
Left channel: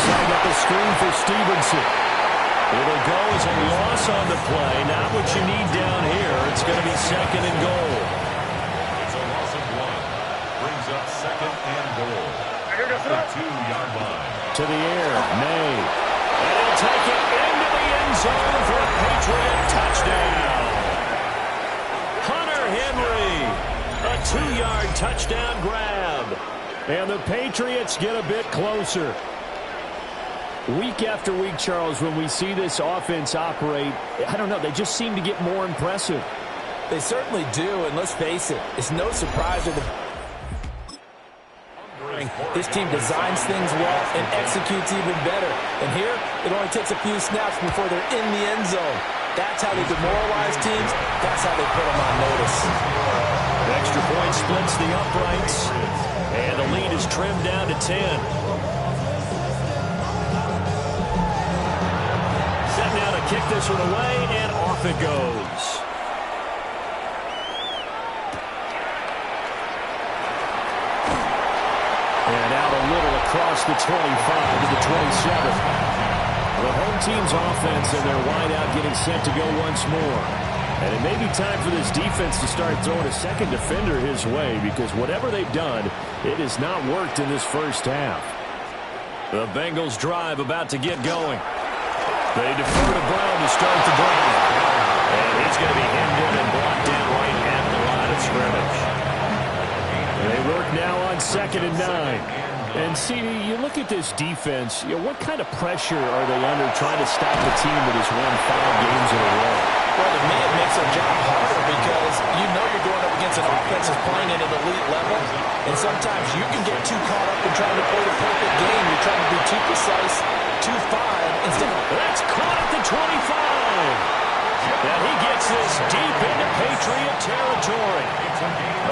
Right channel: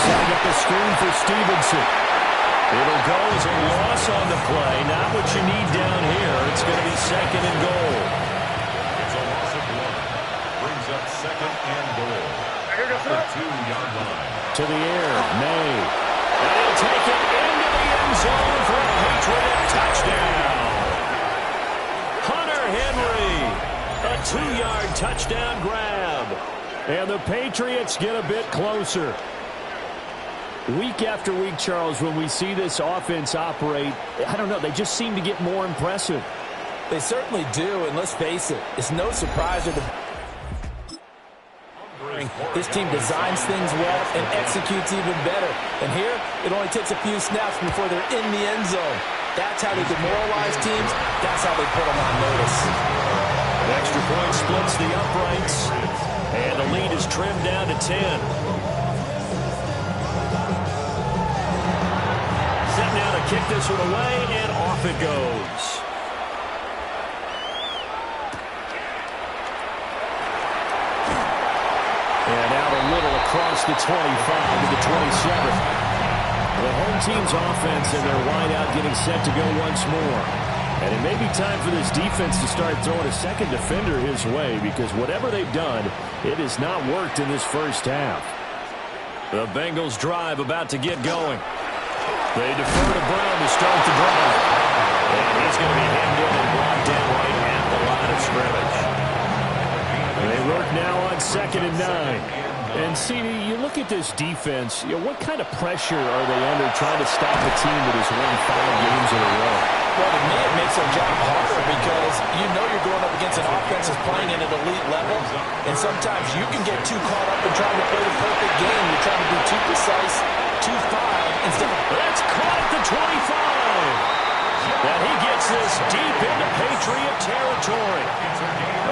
Setting up the screen for Stevenson. It'll go as a loss on the play. Not what you need down here. It's going to be 2nd and goal. It's a loss of 1. Brings up 2nd and goal. The 2-yard line. To the air, May. And he'll take it into the end zone for a Patriot touchdown. Hunter Henry, a 2-yard touchdown grab. And the Patriots get a bit closer. Week after week, Charles, when we see this offense operate, I don't know, they just seem to get more impressive. They certainly do, and let's face it, it's no surprise that this team designs things well and executes even better. And here, it only takes a few snaps before they're in the end zone. That's how they demoralize teams. That's how they put them on notice. Extra point splits the uprights, and the lead is trimmed down to 10. Set now to kick this one away, and off it goes. And out a little across the 25 to the 27. The home team's offense and their wideout getting set to go once more. And it may be time for this defense to start throwing a second defender his way, because whatever they've done, it has not worked in this first half. The Bengals drive about to get going. They defer to Brown to start the drive. And he's going to be hemmed in and blocked down right at the line of scrimmage. They work now on 2nd and 9. And, CD, you look at this defense, what kind of pressure are they under trying to stop a team that has won 5 games in a row? Well, to me, it makes their job harder because you know you're going up against an offense that's playing at an elite level, and sometimes you can get too caught up in trying to play the perfect game. You're trying to be too precise, too fine, instead of... That's caught at the 25. And he gets this deep into Patriot territory.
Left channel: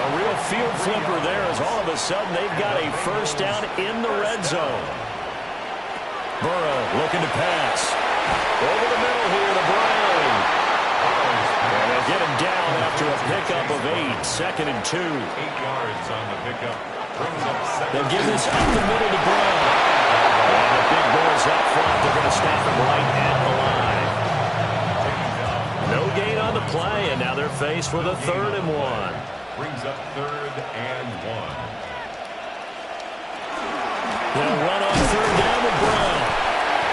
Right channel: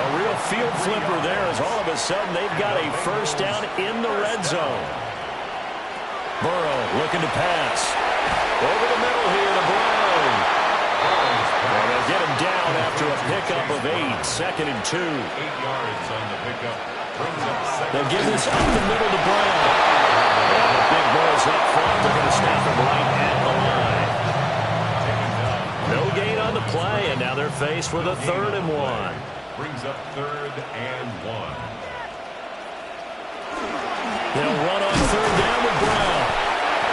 A real field flipper there, as all of a sudden they've got a first down in the red zone. Burrow looking to pass. Over the middle here to Brown. And they'll get him down after a pickup of 8. 2nd and 2. 8 yards on the pickup. They'll give this up the middle to Brown. And the big boys up front, they're going to stop him right at the line. No gain on the play, and now they're faced with a 3rd and 1. Brings up 3rd and 1. They'll run on 3rd down with Brown.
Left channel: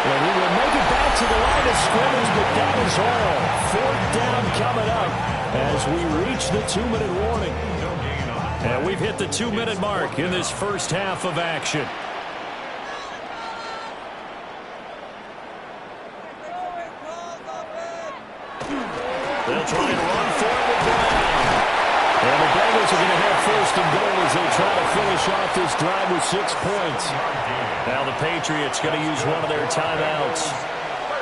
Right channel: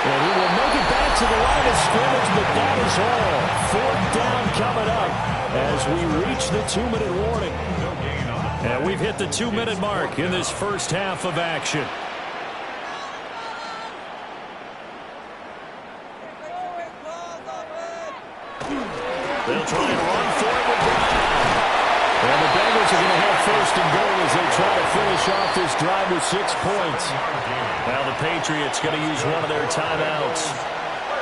And he will make it back to the line of scrimmage, but that is all. 4th down coming up as we reach the 2-minute warning. And we've hit the 2-minute mark in this first half of action. They'll try and run for it with Brown. And the Bengals are going to have 1st and goal as they try to finish off this drive with 6 points. Now the Patriots going to use one of their timeouts.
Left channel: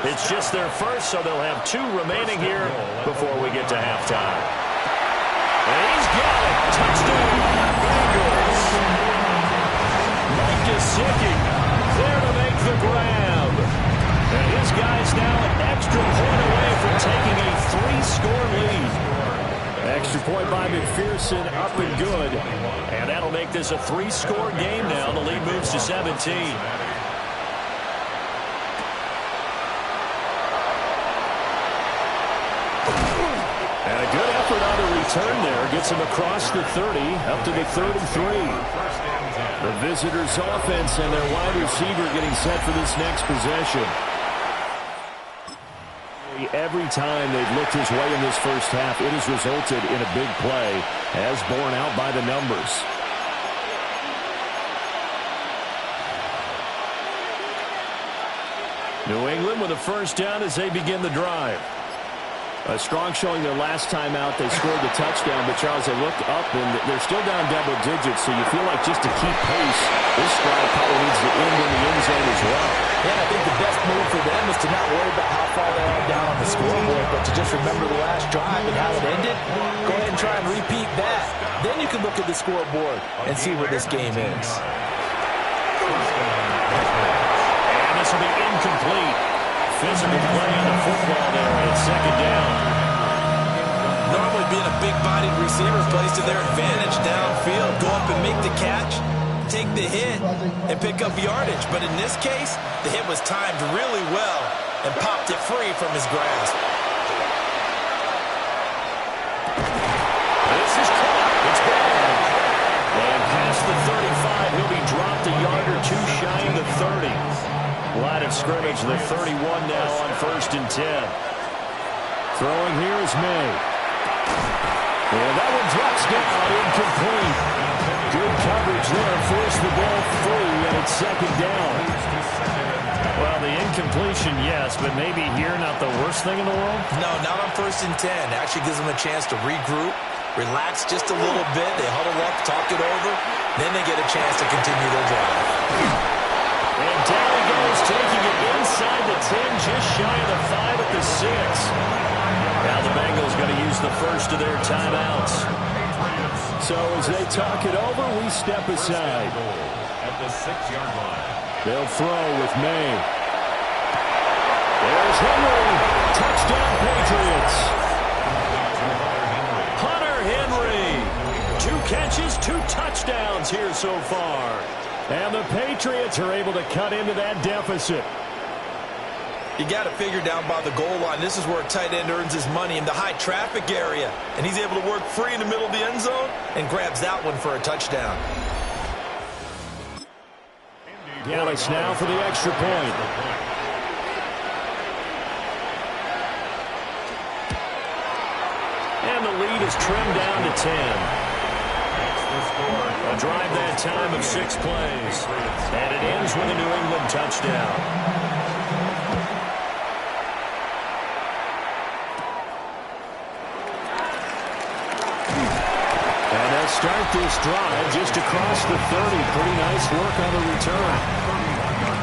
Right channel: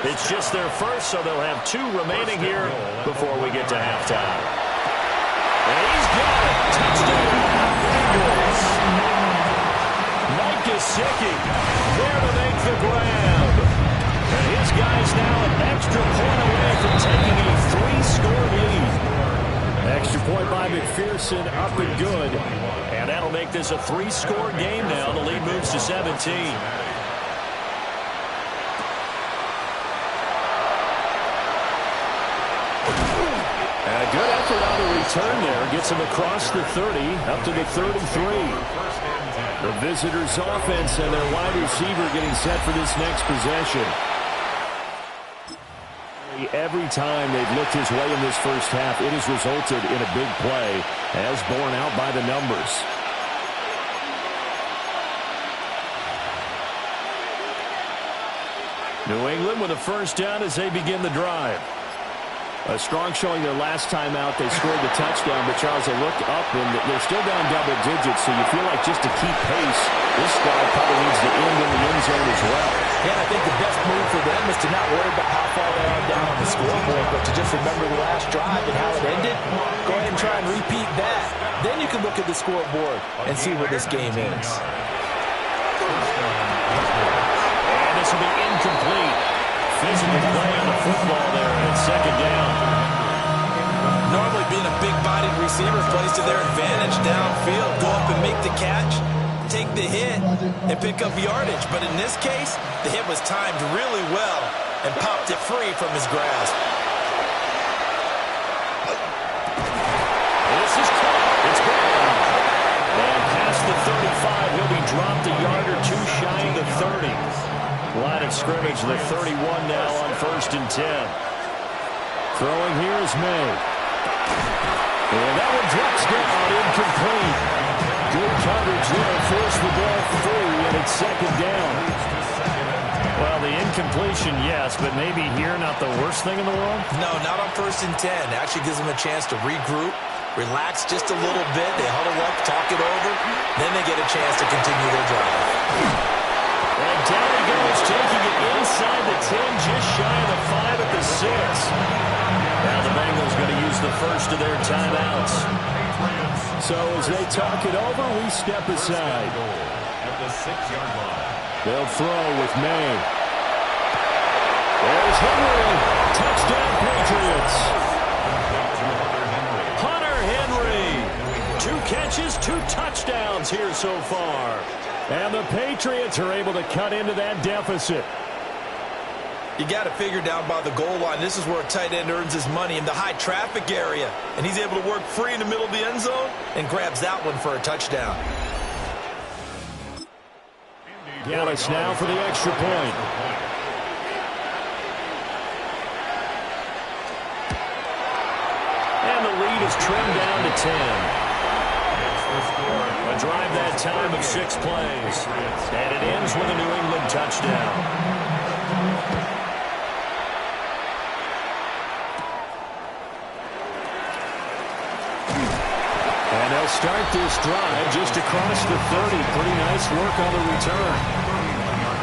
It's just their first, so they'll have 2 remaining here before we get to halftime. And he's got it. Touchdown, Bengals. Mike Gesicki there to make the grab. And his guys now an extra point away from taking a 3-score lead. Extra point by McPherson, up and good. And that'll make this a 3-score game now. The lead moves to 17. And a good effort on the return there. Gets him across the 30, up to the 33. The visitors' offense and their wide receiver getting set for this next possession. Every time they've looked his way in this first half, it has resulted in a big play, as borne out by the numbers. New England with a first down as they begin the drive. A strong showing their last time out. They scored the touchdown, but, Charles, they looked up, and they're still down double digits, so you feel like just to keep pace, this drive probably needs to end in the end zone as well. Yeah, and I think the best move for them is to not worry about how far they are down on the scoreboard, but to just remember the last drive and how it ended. Go ahead and try and repeat that. Then you can look at the scoreboard and see where this game is. And this will be incomplete. Physical play on the football there, and it's 2nd down. Normally being a big-bodied receiver plays to their advantage downfield. Go up and make the catch, take the hit, and pick up yardage. But in this case, the hit was timed really well and popped it free from his grasp. This is caught. It's gone. And past the 35, he'll be dropped a yard or 2 shy of the 30. Line of scrimmage, the 31 now on 1st and 10. Throwing here is May. And that one drops down, incomplete. Good coverage there, forced the ball free, and it's 2nd down. Well, the incompletion, yes, but maybe here not the worst thing in the world? No, not on 1st and 10. Actually gives them a chance to regroup, relax just a little bit. They huddle up, talk it over. Then they get a chance to continue their drive. And down he goes, taking it inside the 10, just shy of the 5 at the 6. Now the Bengals going to use the first of their timeouts. So as they talk it over, we step aside. At the 6-yard line. They'll throw with May. There's Henry. Touchdown, Patriots. Hunter Henry. 2 catches, 2 touchdowns here so far. And the Patriots are able to cut into that deficit. You got to figure down by the goal line. This is where a tight end earns his money, in the high traffic area. And he's able to work free in the middle of the end zone and grabs that one for a touchdown. Gallis now for the extra point. And the lead is trimmed down to 10. A drive that time of 6 plays. And it ends with a New England touchdown. And they'll start this drive just across the 30. Pretty nice work on the return.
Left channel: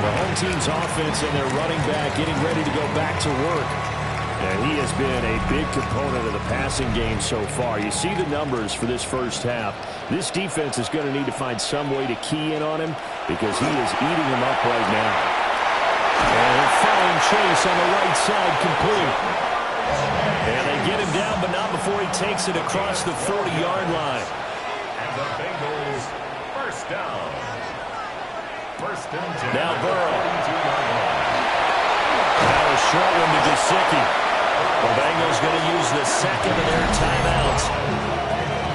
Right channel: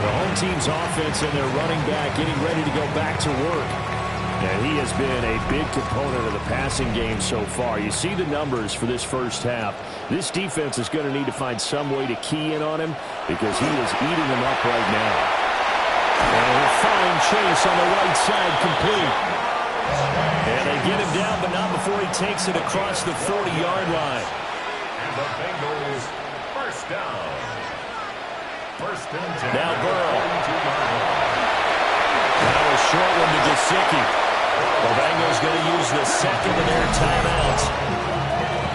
The home team's offense and their running back getting ready to go back to work. And he has been a big component of the passing game so far. You see the numbers for this first half. This defense is going to need to find some way to key in on him because he is eating them up right now. And a fine chase on the right side complete. And they get him down, but not before he takes it across the 40-yard line. And the Bengals first down. First and 10. Now Burrow. 42-yard line. Now a short one to Gesicki. The Bengals going to use the second of their timeouts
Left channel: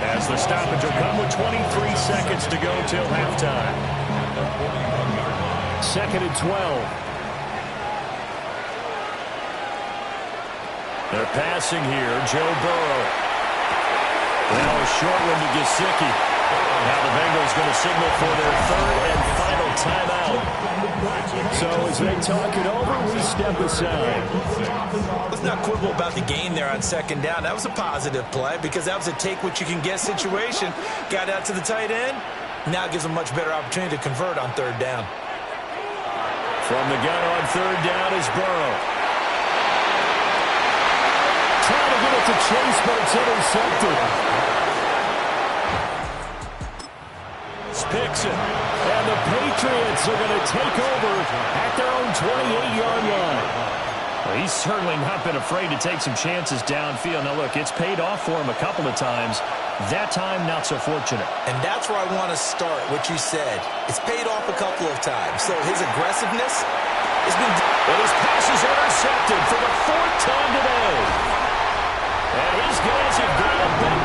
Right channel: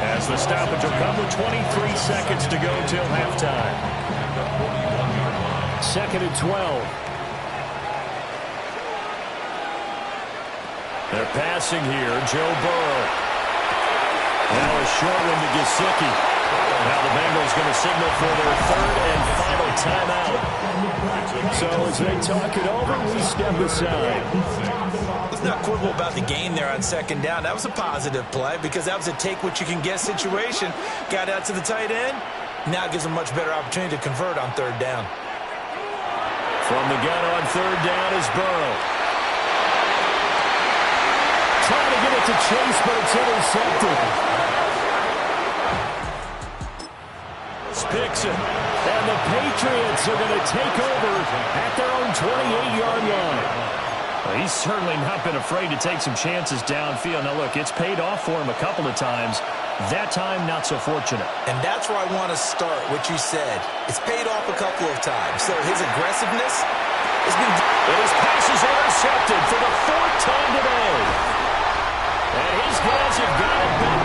as the stoppage will come with 23 seconds to go till halftime. At the 41-yard line. Second and 12. They're passing here. Joe Burrow. Now a short one to Gesicki. Now the Bengals going to signal for their third and final timeout. So as they talk it over, we step aside. Let's not quibble about the gain there on second down. That was a positive play because that was a take-what-you-can-get situation. Got out to the tight end. Now gives them a much better opportunity to convert on third down. From the gun on third down is Burrow. Trying to get it to Chase, but it's intercepted. Picks it. And the Patriots are going to take over at their own 28-yard line. Well, he's certainly not been afraid to take some chances downfield. Now, look, it's paid off for him a couple of times. That time, not so fortunate. And that's where I want to start, what you said. It's paid off a couple of times. So his aggressiveness has been... But his pass is intercepted for the 4th time today. And his guys have got it back.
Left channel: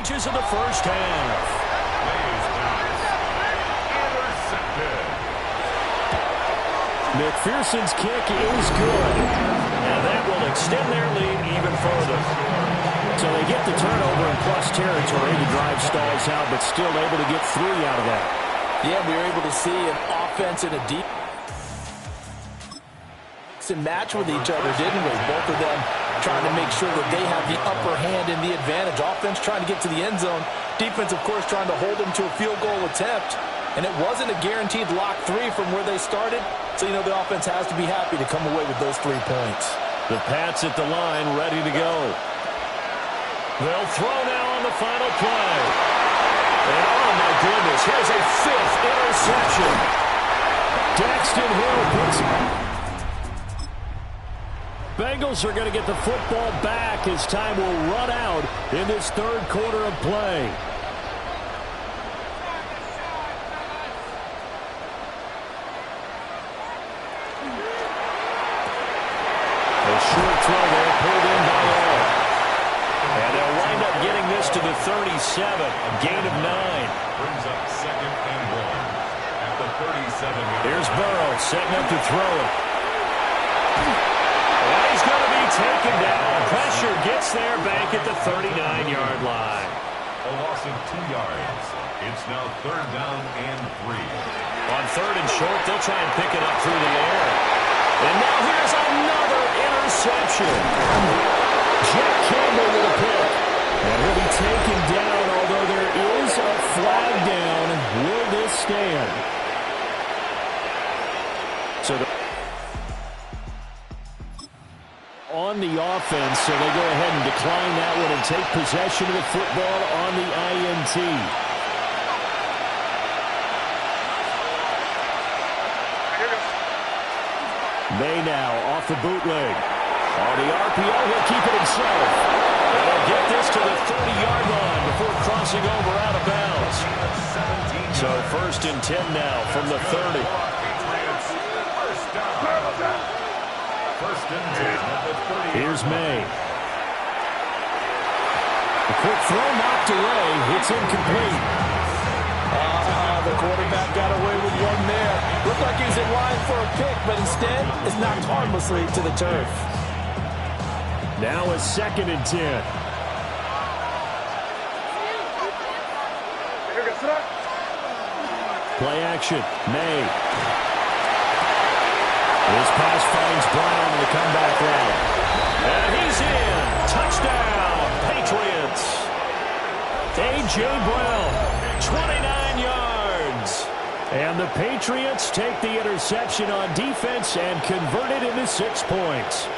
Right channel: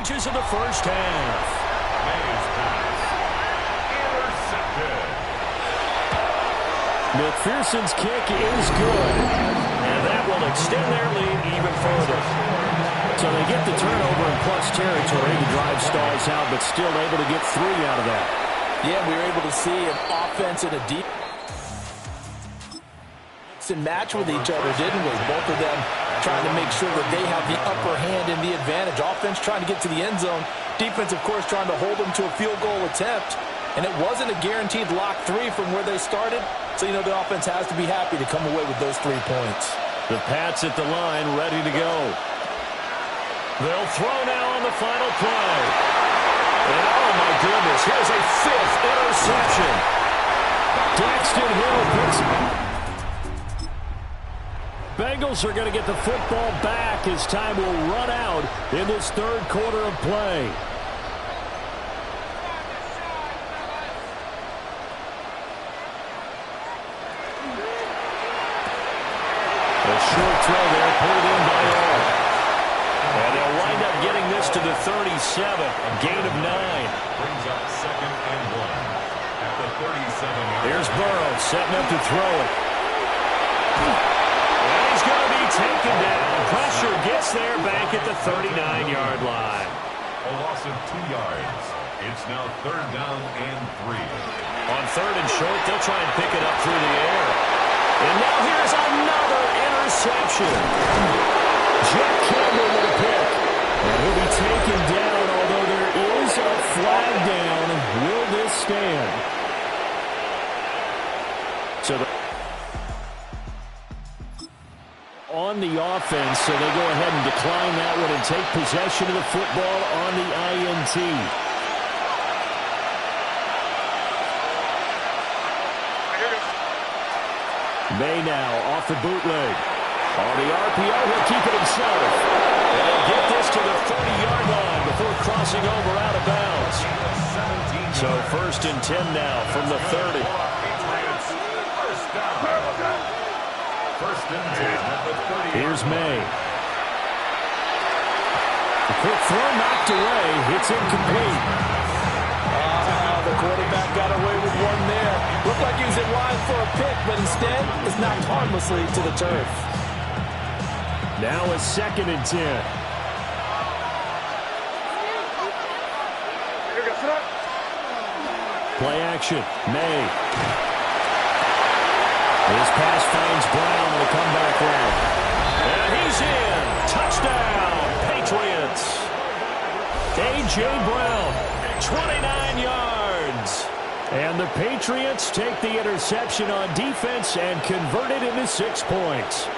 Inches of the first half. May's pass. Intercepted. McPherson's kick is good. And that will extend their lead even further. So they get the turnover in plus territory. The drive stalls out, but still able to get 3 out of that. Yeah, we were able to see an offense and a deep mix and match with each other, didn't we? Both of them trying to make sure that they have the upper hand and the advantage. Offense trying to get to the end zone. Defense, of course, trying to hold them to a field goal attempt. And it wasn't a guaranteed lock 3 from where they started. So, you know, the offense has to be happy to come away with those 3 points. The Pats at the line, ready to go. They'll throw now on the final play. And, oh, my goodness, here's a 5th interception. Daxton Hill picks it. Bengals are going to get the football back as time will run out in this 3rd quarter of play. A short throw there, pulled in by all. And they'll wind up getting this to the 37, a gain of 9. Brings up 2nd and 1 at the 37-yard. Here's Burrow setting up to throw it. And he's going to be taken down. Pressure gets there back at the 39-yard line. A loss of 2 yards. It's now 3rd down and 3. On 3rd and short, they'll try and pick it up through the air. And now here's another interception. Jack Campbell with a pick. And he'll be taken down, although there is a flag down. Will this stand? on the offense, so they go ahead and decline that one and take possession of the football on the INT. May now off the bootleg. On the RPO, he'll keep it himself. And he'll get this to the 30-yard line before crossing over out of bounds. So 1st and 10 now from the 30. First and 10 at the 30. Here's May. A quick throw knocked away. It's incomplete. The quarterback got away with one there. Looked like he was in line for a pick, but instead it's knocked harmlessly to the turf. Now a 2nd and 10. Play action. May. His pass finds Brown on the comeback route. And he's in. Touchdown, Patriots. A.J. Brown, 29 yards. And the Patriots take the interception on defense and convert it into 6 points.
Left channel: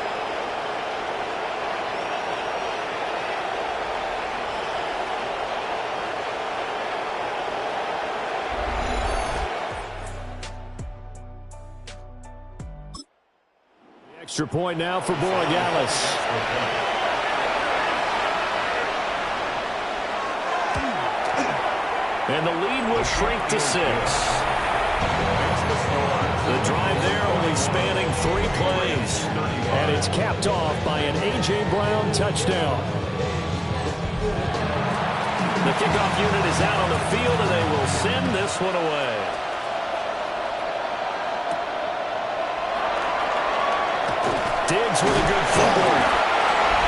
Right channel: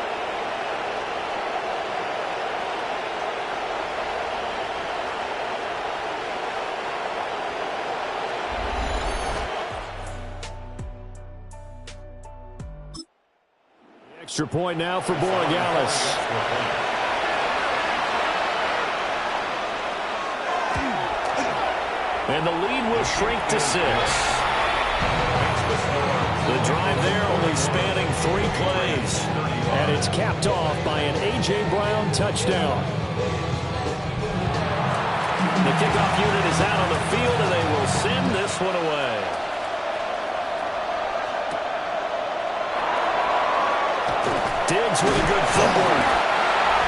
Extra point now for Borregales. And the lead will shrink to 6. The drive there only spanning 3 plays. And it's capped off by an A.J. Brown touchdown. The kickoff unit is out on the field, and they will send this one away. Diggs with a good footwork.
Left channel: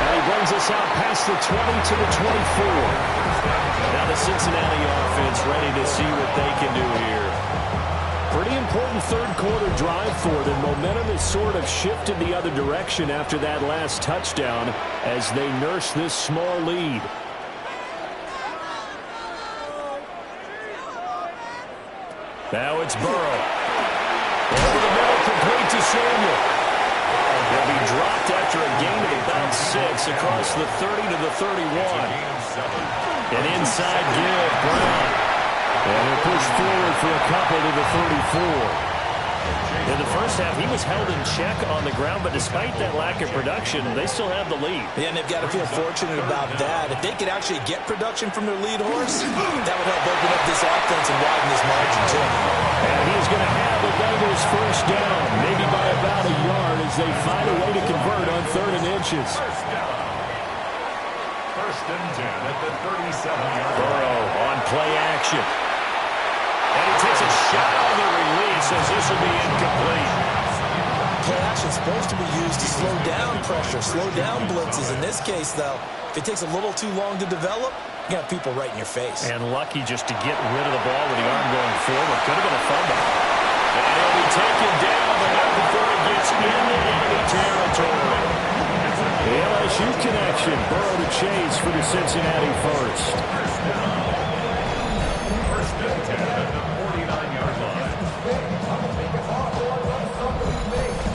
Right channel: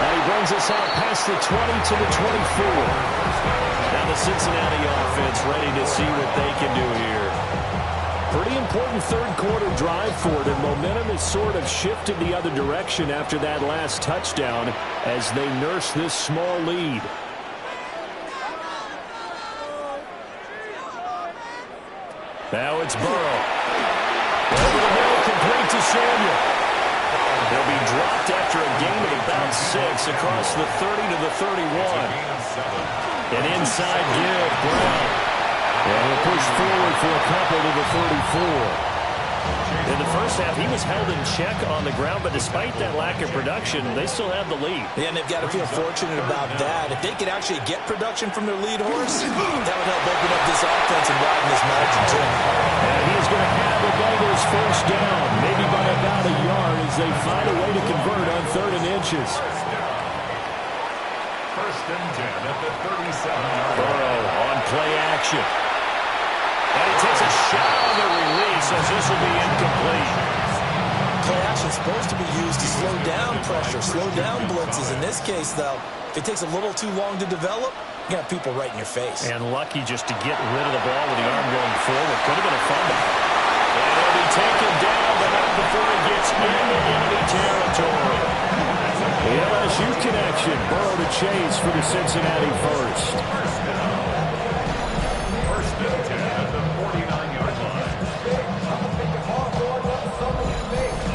And he brings us out past the 20 to the 24. Now the Cincinnati offense ready to see what they can do here. Pretty important third quarter drive for them. Momentum has sort of shifted the other direction after that last touchdown as they nurse this small lead. Now it's Burrow. Over the middle, complete to Samuel. They'll be dropped after a gain of about 6 across the 30 to the 31. An inside give, Brown. And he'll push forward for a couple to the 34. In the first half, he was held in check on the ground, but despite that lack of production, they still have the lead. Yeah, and they've got to feel fortunate about that. If they could actually get production from their lead horse, that would help open up this offense and widen this margin, too. And he's going to have the Bengals first down, maybe by about a yard as they find a way to convert on 3rd and inches. First and 10 at the 37-yard line. Burrow on play action. And he takes a shot on the release as this will be incomplete. Play action is supposed to be used to slow down pressure, slow down blitzes. In this case, though, if it takes a little too long to develop, you got people right in your face. And lucky just to get rid of the ball with the arm going forward. Could have been a fumble. And he'll be taken down, but not before he gets into enemy territory. The LSU connection. Burrow to Chase for the Cincinnati first. First and 10 at the 49-yard line.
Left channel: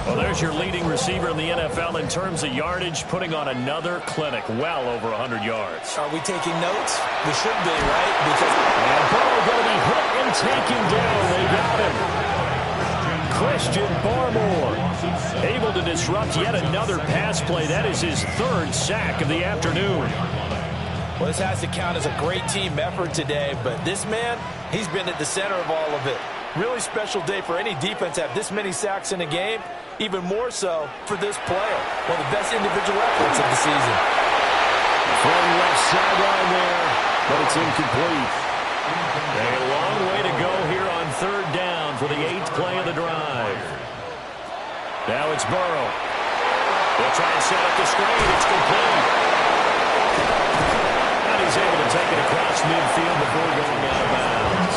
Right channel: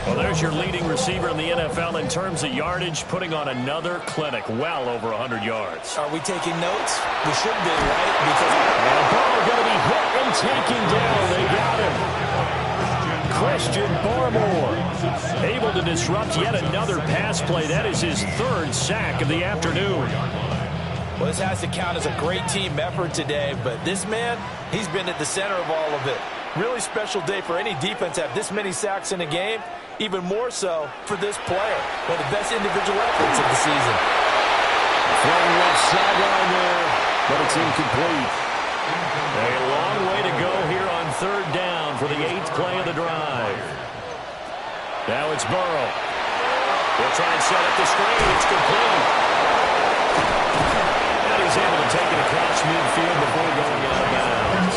Well, there's your leading receiver in the NFL in terms of yardage, putting on another clinic, well over 100 yards. Are we taking notes? We should be, right? And Burrow going to be hit and taken down. They got him. Christian Barmore able to disrupt yet another pass play. That is his 3rd sack of the afternoon. Well, this has to count as a great team effort today, but this man, he's been at the center of all of it. Really special day for any defense to have this many sacks in a game, even more so for this player. One of the best individual efforts of the season. Throwing left sideline there, but it's incomplete. A long way to go here on 3rd down for the 8th play of the drive. Now it's Burrow. They'll try and set up the screen. It's complete. And he's able to take it across midfield before going out of bounds.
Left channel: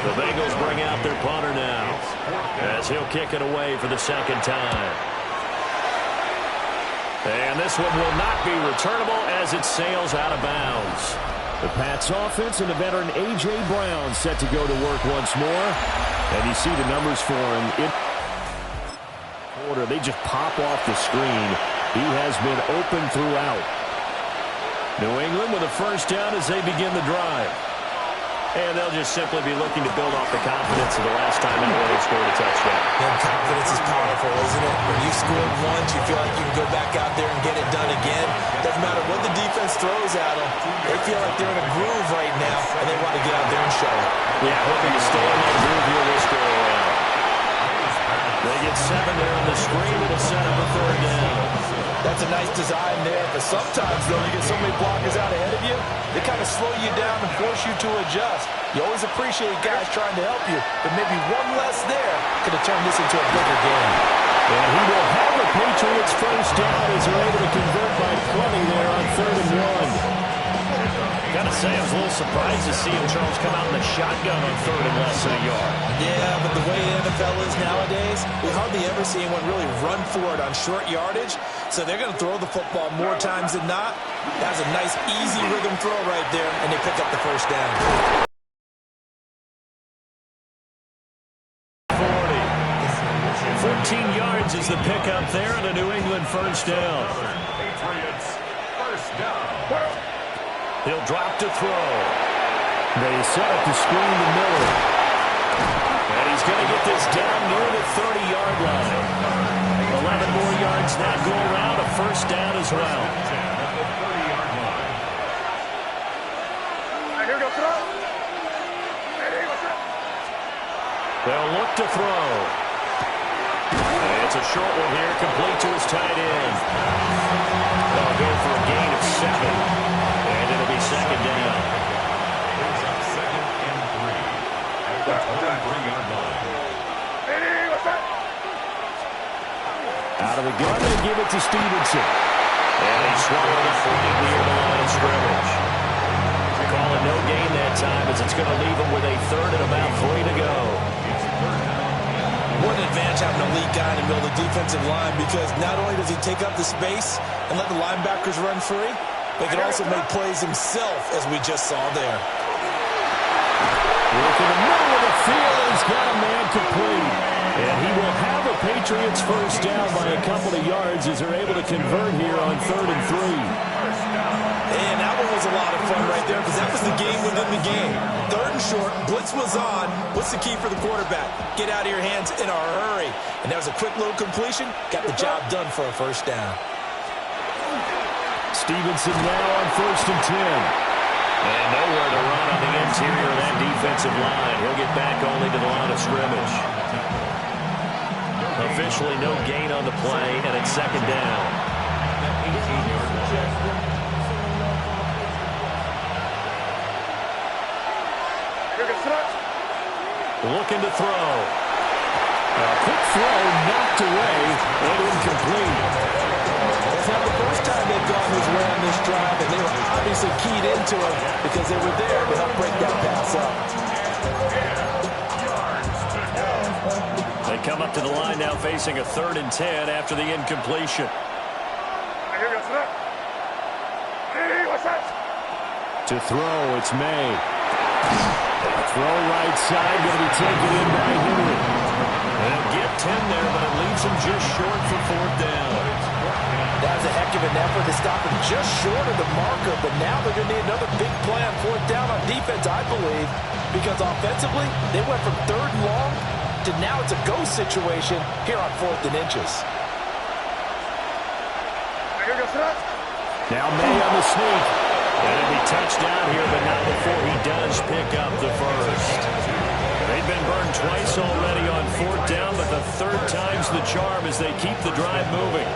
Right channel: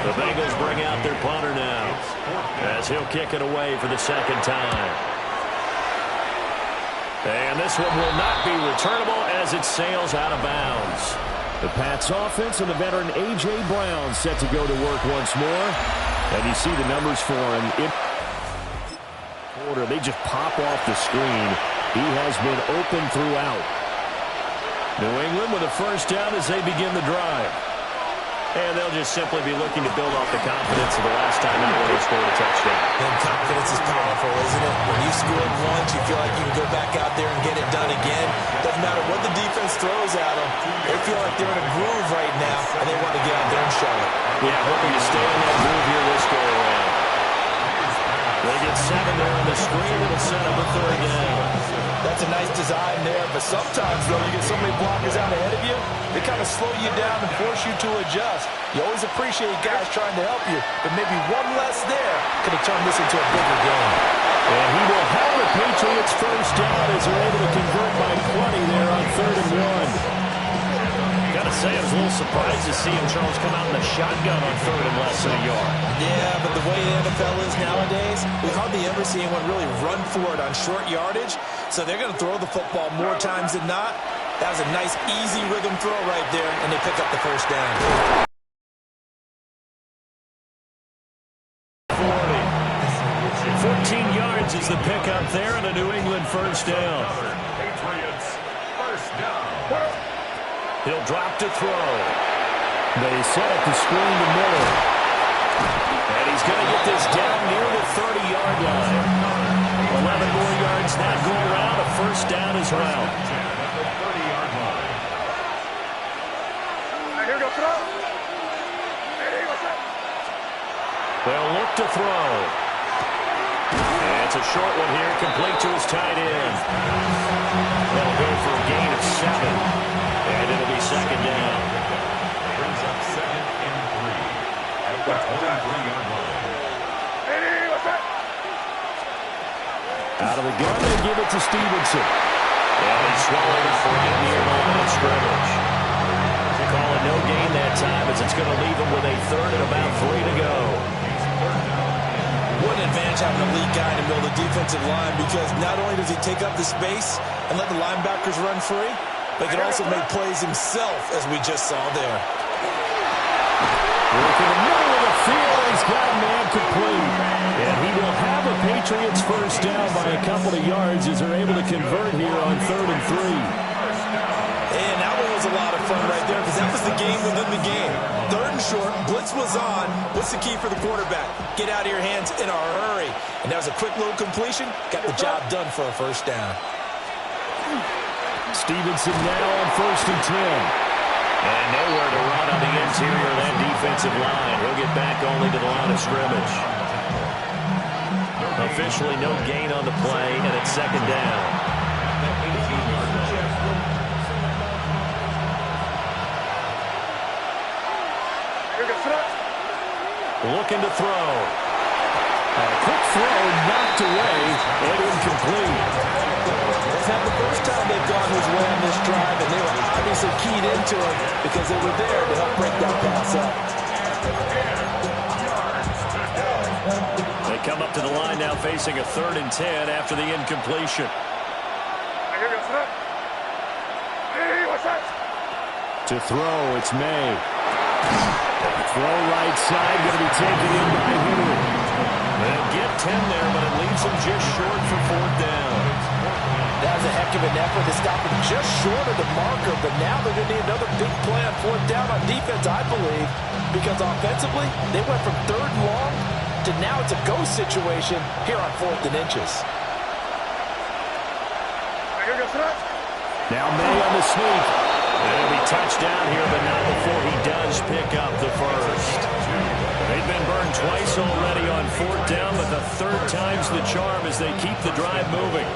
The Bengals bring out their punter now as he'll kick it away for the 2nd time. And this one will not be returnable as it sails out of bounds. The Pats offense and the veteran A.J. Brown set to go to work once more. And you see the numbers for him. They just pop off the screen. He has been open throughout. New England with a first down as they begin the drive. And they'll just simply be looking to build off the confidence of the last time out where they scored a touchdown. And confidence is powerful, isn't it? When you scored once, you feel like you can go back out there and get it done again. Doesn't matter what the defense throws at them. They feel like they're in a groove right now, and they want to get out there and show it. Yeah, hoping to stay in that groove here this go-around. They get 7 there on the screen. It'll set up a third down. That's a nice design there, but sometimes, though, you get so many blockers out ahead of you, they kind of slow you down and force you to adjust. You always appreciate guys trying to help you, but maybe one less there could have turned this into a bigger game. And he will have the Patriots first down as they're able to convert by 20 there on 3rd and 1. Gotta say, I was a little surprised to see him, Charles, come out in the shotgun on 3rd and less than a yard. Yeah, but the way the NFL is nowadays, we hardly ever see anyone really run for it on short yardage. So they're going to throw the football more times than not. That was a nice, easy rhythm throw right there, and they pick up the first down. 14 yards is the pickup there, and a New England first down. Patriots first down. He'll drop to throw. They set up the screen to Miller. And he's going to get this down near the 30-yard line. 11 more yards that go around. A first down as well. At the 30-yard line. They'll look to throw. And it's a short one here, complete to his tight end. They'll go for a gain of 7. And it'll be second down. Brings up 2nd and 3 at the 23-yard line. Out of the gun, they give it to Stevenson. And he swallowed up right near the line of scrimmage. Call it no gain that time as it's going to leave him with a 3rd and about 3 to go. What an advantage having a elite guy in the middle of the defensive line, because not only does he take up the space and let the linebackers run free, but he can also make plays himself, as we just saw there. Look in the middle of the field. He's got a man complete. And he will have a Patriots first down by a couple of yards as they're able to convert here on 3rd and 3. And that one was a lot of fun right there, because that was the game within the game. 3rd and short, blitz was on. What's the key for the quarterback? Get out of your hands in a hurry. And that was a quick little completion. Got the job done for a first down. Stevenson now on 1st and 10. And nowhere to run on the interior of that defensive line. He'll get back only to the line of scrimmage. Officially no gain on the play, and it's second down. Looking to throw. A quick throw knocked away and incomplete. That's not the first time they've gone his way on this drive, and they were obviously keyed into him because they were there to help break that pass up. They come up to the line now facing a 3rd and 10 after the incompletion. To throw, it's May. Throw right side, going to be taken in by Henry. They'll get 10 there, but it leaves them just short for 4th down. That was a heck of an effort to stop him just short of the marker, but now they're going to need another big play on 4th down on defense, I believe, because offensively, they went from 3rd and long to now it's a go situation here on 4th and inches. Now May on the sneak. And he'll be touched down here, but not before he does pick up the first. They've been burned twice already on 4th down, but the 3rd time's the charm as they keep the drive moving.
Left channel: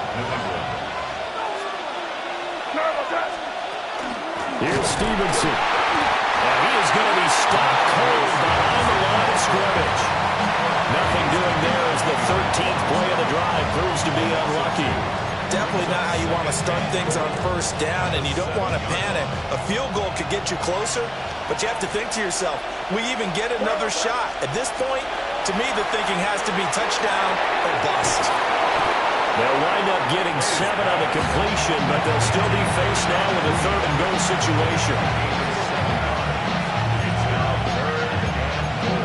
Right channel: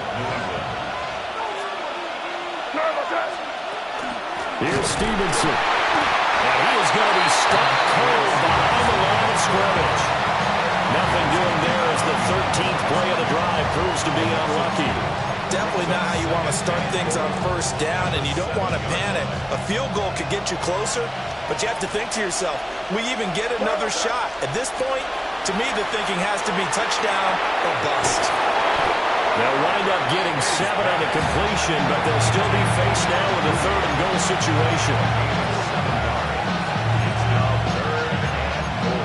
Here's Stevenson. And he is going to be stopped cold behind the line of scrimmage. Nothing doing there as the 13th play of the drive proves to be unlucky. Definitely not how you want to start things on 1st down, and you don't want to panic. A field goal could get you closer, but you have to think to yourself, we even get another shot. At this point, to me, the thinking has to be touchdown or bust. They'll wind up getting 7 on the completion, but they'll still be faced now with a 3rd and goal situation. It's now 3rd and goal.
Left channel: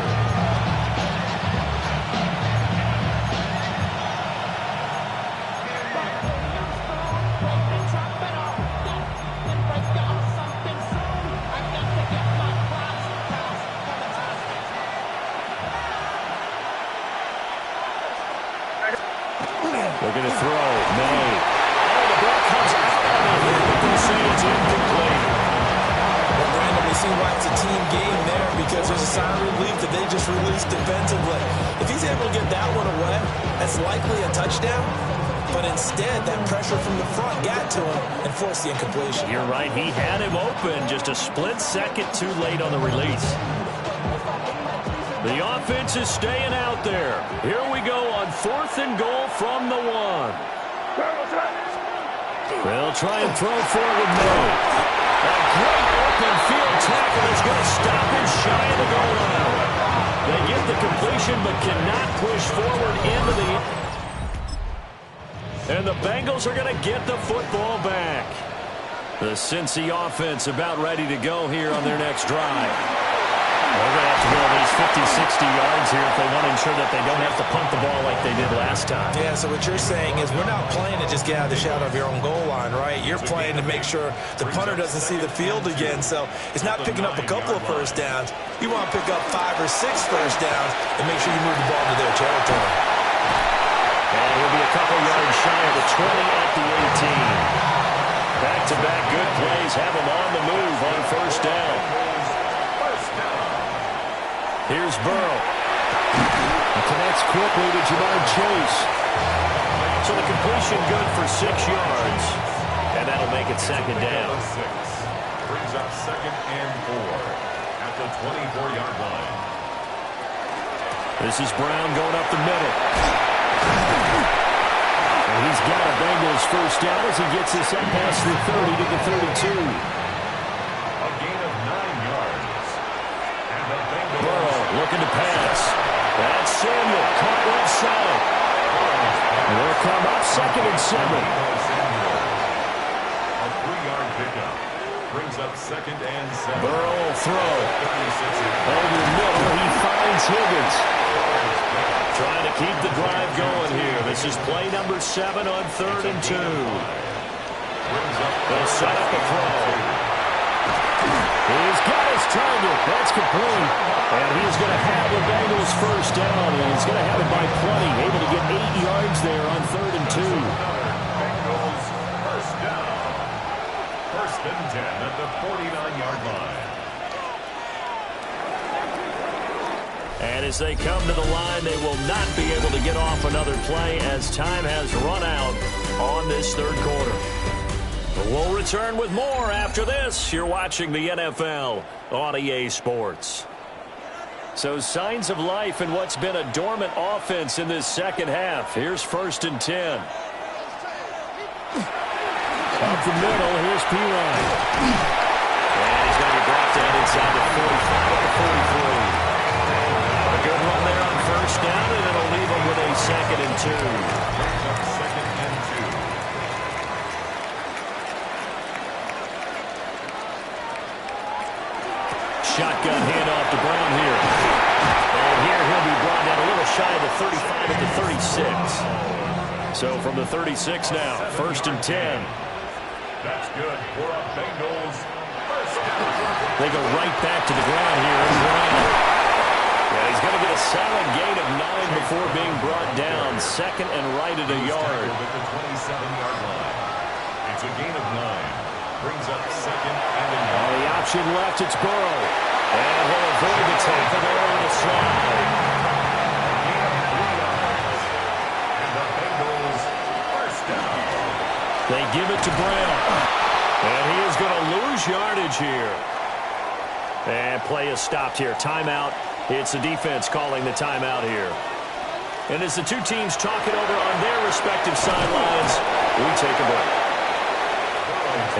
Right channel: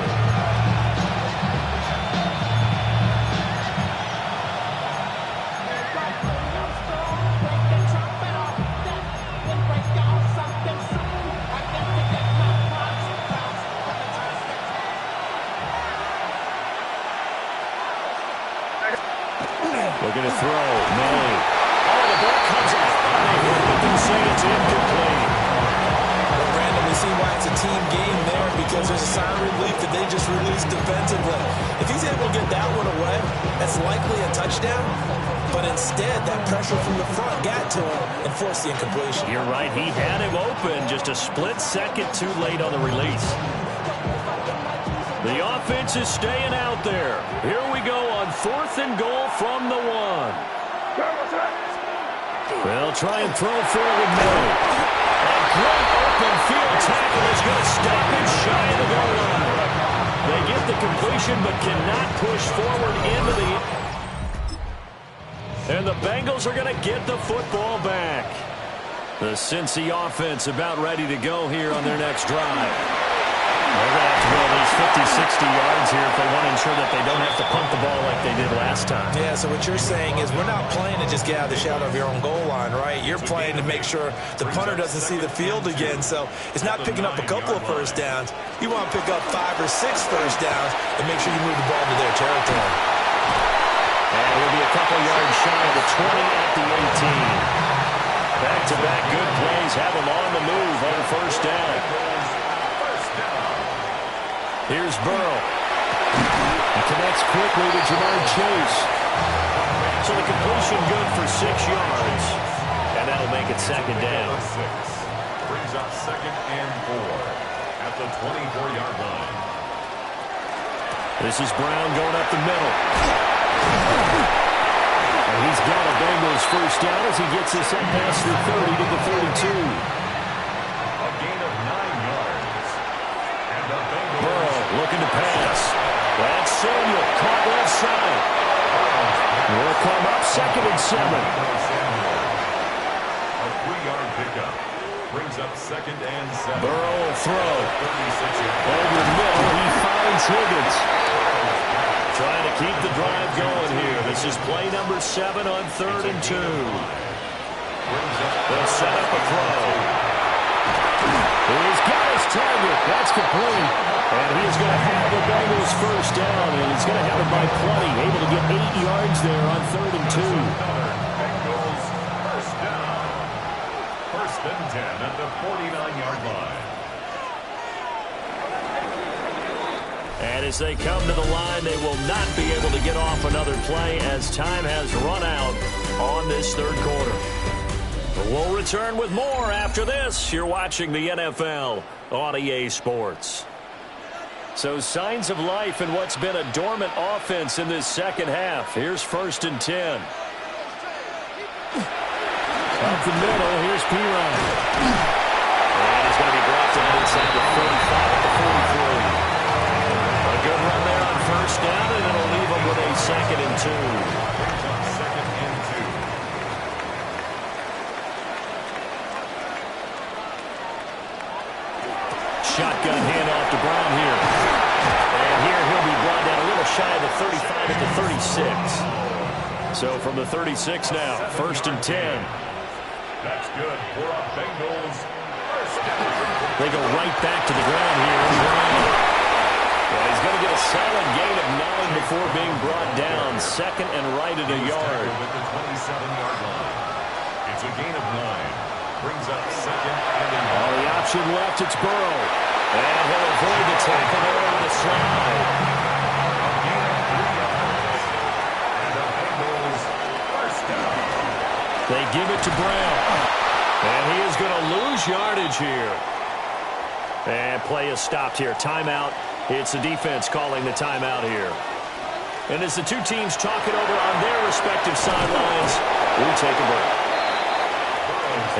throw. May. Oh, the ball comes out on the hit, but they say it's incomplete. Well, Brandon, we see why it's a team game there, because there's a sign of relief that they just released defensively. If he's able to get that one away, that's likely a touchdown. But instead, that pressure from the front got to him and forced the incompletion. You're right. He had him open, just a split second too late on the release. The offense is staying out there. Here we go on 4th and goal from the 1. They'll try and throw forward May. A great open field tackle is going to stop him shy of the goal line. They get the completion but cannot push forward into the... And the Bengals are going to get the football back. The Cincy offense about ready to go here on their next drive. They're going to have to go at least 50, 60 yards here if they want to ensure that they don't have to punt the ball like they did last time. Yeah, so what you're saying is we're not playing to just get out of the shadow of your own goal line, right? You're playing to make sure the punter doesn't see the field again. So it's not picking up a couple of first downs. You want to pick up 5 or 6 first downs and make sure you move the ball to their territory. And he'll be a couple yards shy of the 20 at the 18. Back-to-back good plays have him on the move on first down. Here's Burrow. He connects quickly to Jamar Chase. So the completion good for 6 yards. And that'll make it second down. Brings up 2nd and 4 at the 24-yard line. This is Brown going up the middle. And he's got a Bengals first down as he gets this up past the 30 to the 32. A gain of 9 yards. And the Bengals... Burrow looking to pass. That's Samuel caught left side. Will come up 2nd and 7. A 3-yard pickup. Brings up 2nd and 7. Burrow will throw. 36. Over middle, he finds Higgins. Trying to keep the drive going here. This is play number 7 on 3rd and 2. They'll set up a throw. He's got his target. That's complete. And he's going to have the Bengals first down. And he's going to have it by plenty. Able to get 8 yards there on 3rd and 2. Bengals first down. 1st and 10 at the 49-yard line. And as they come to the line, they will not be able to get off another play as time has run out on this 3rd quarter. But we'll return with more after this. You're watching the NFL on EA Sports. So signs of life in what's been a dormant offense in this second half. Here's 1st and 10. Up the middle, here's Pirine. And he's going to be brought down inside the 45 at the 43. A good run there on first down, and it'll leave them with a 2nd and 2. Brings up 2nd and 2. Shotgun handoff to Brown here. And here he'll be brought down a little shy of the 35 at the 36. So from the 36 now, 1st and 10. That's good for a Bengals first down. They go right back to the ground here. And Brown. Yeah, he's going to get a solid gain of 9 before being brought down. 2nd and right at a yard. At the 27-yard line. It's a gain of 9. Brings up 2nd and a yard. On the option left, it's Burrow. And he'll avoid the tackle there with a slide. A gain of 3 yards. And the Bengals first down. They give it to Brown. And he is going to lose yardage here. And play is stopped here. Timeout. It's the defense calling the timeout here. And as the two teams talk it over on their respective sidelines, we take a break.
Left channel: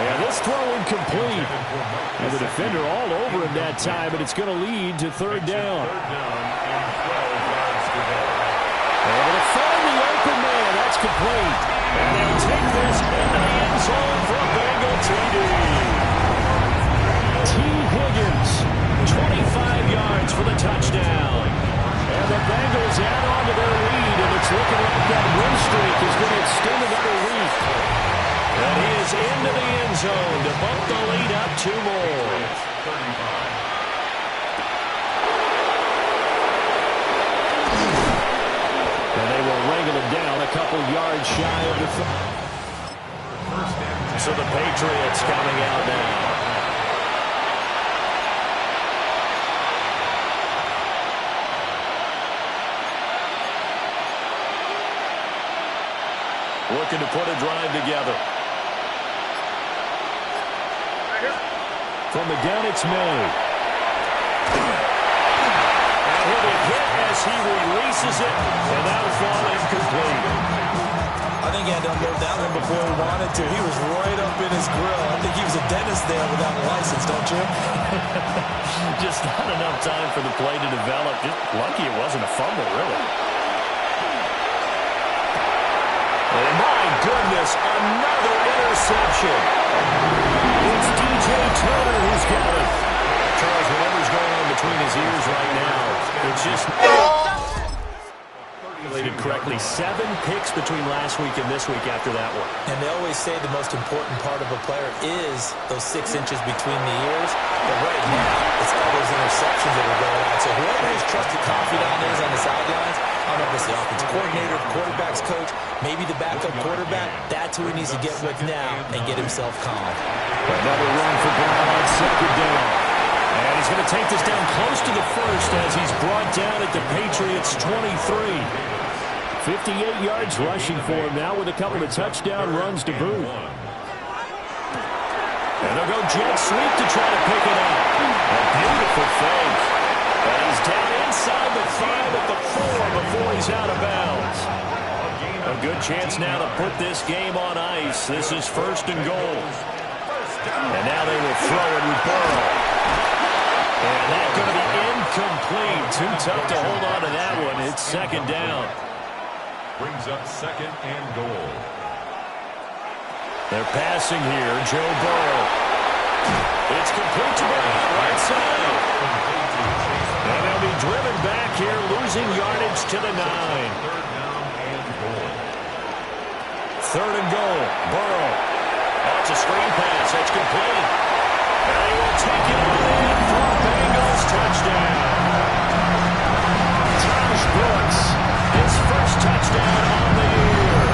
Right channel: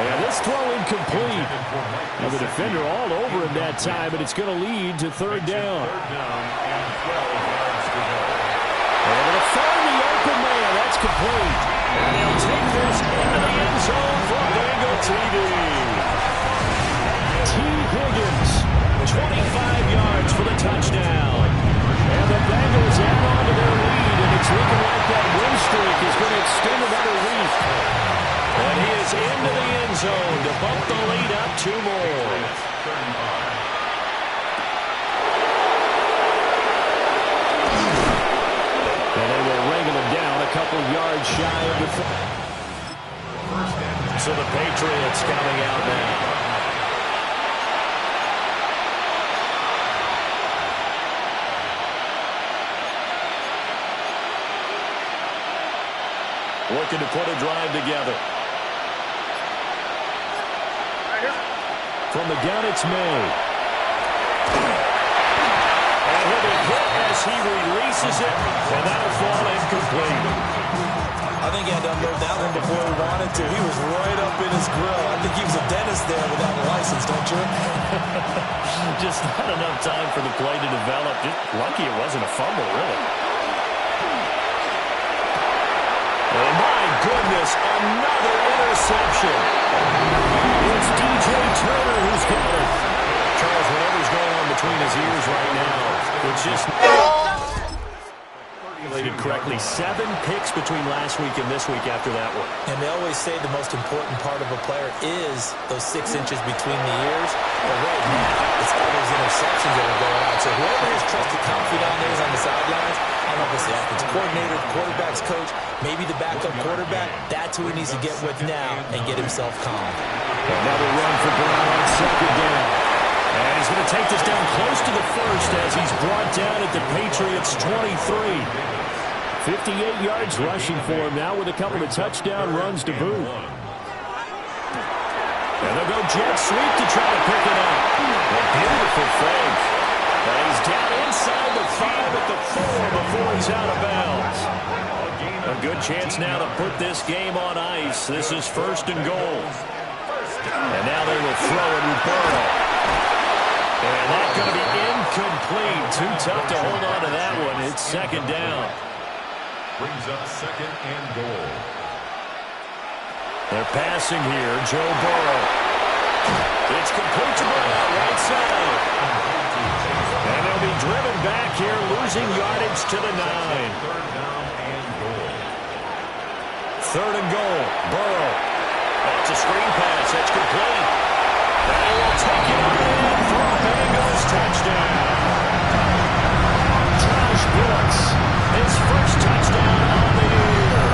And this throw incomplete. And the defender all over him that time, but it's going to lead to 3rd down. 3rd down and 12 yards to go. Able to find the open man. That's complete. And they'll take this into the end zone for a Bengal TD. T. Higgins, 25 yards for the touchdown. And the Bengals add on to their lead, and it's looking like that win streak is going to extend another week. And he is into the end zone to bump the lead up 2 more. 35. And they will wrangle him down a couple yards shy of the... So the Patriots coming out now. Looking to put a drive together. From the gun, it's May. And he'll be hit as he releases it, and that'll fall incomplete. I think he had to unload that one before he wanted to. He was right up in his grill. I think he was a dentist there without a license, don't you? Just not enough time for the play to develop. Just lucky it wasn't a fumble, really. And my goodness, another interception. It's DJ Turner who's got it. Charles, whatever's going on between his ears right now, it's just... correctly. 7 picks between last week and this week after that one. And they always say the most important part of a player is those 6 inches between the ears. But right now, it's all those interceptions that are going on. So whoever his trusted confidant is on the sidelines, I don't know if it's the offensive coordinator, the quarterback's coach, maybe the backup quarterback, that's who he needs to get with now and get himself calm. Another run for Brown on second down. And he's going to take this down close to the first as he's brought down at the Patriots' 23. 58 yards rushing for him now with a couple of touchdown runs to boot. And they'll go jet sweep to try to pick it up. A beautiful fake. And he's down inside the 5 at the 4 before he's out of bounds. A good chance now to put this game on ice. This is 1st and goal. And now they will throw it with Burrow. And that's going to be incomplete. Too tough to hold on to that one. It's 2nd down. Brings up 2nd and goal. They're passing here. Joe Burrow. It's complete to Brown, right side. And they'll be driven back here, losing yardage to the 9. 3rd down and goal. 3rd and goal. Burrow. Oh, it's a screen pass. That's complete. And he will take it on in for a Bengals touchdown. Josh Brooks, his first touchdown on the year.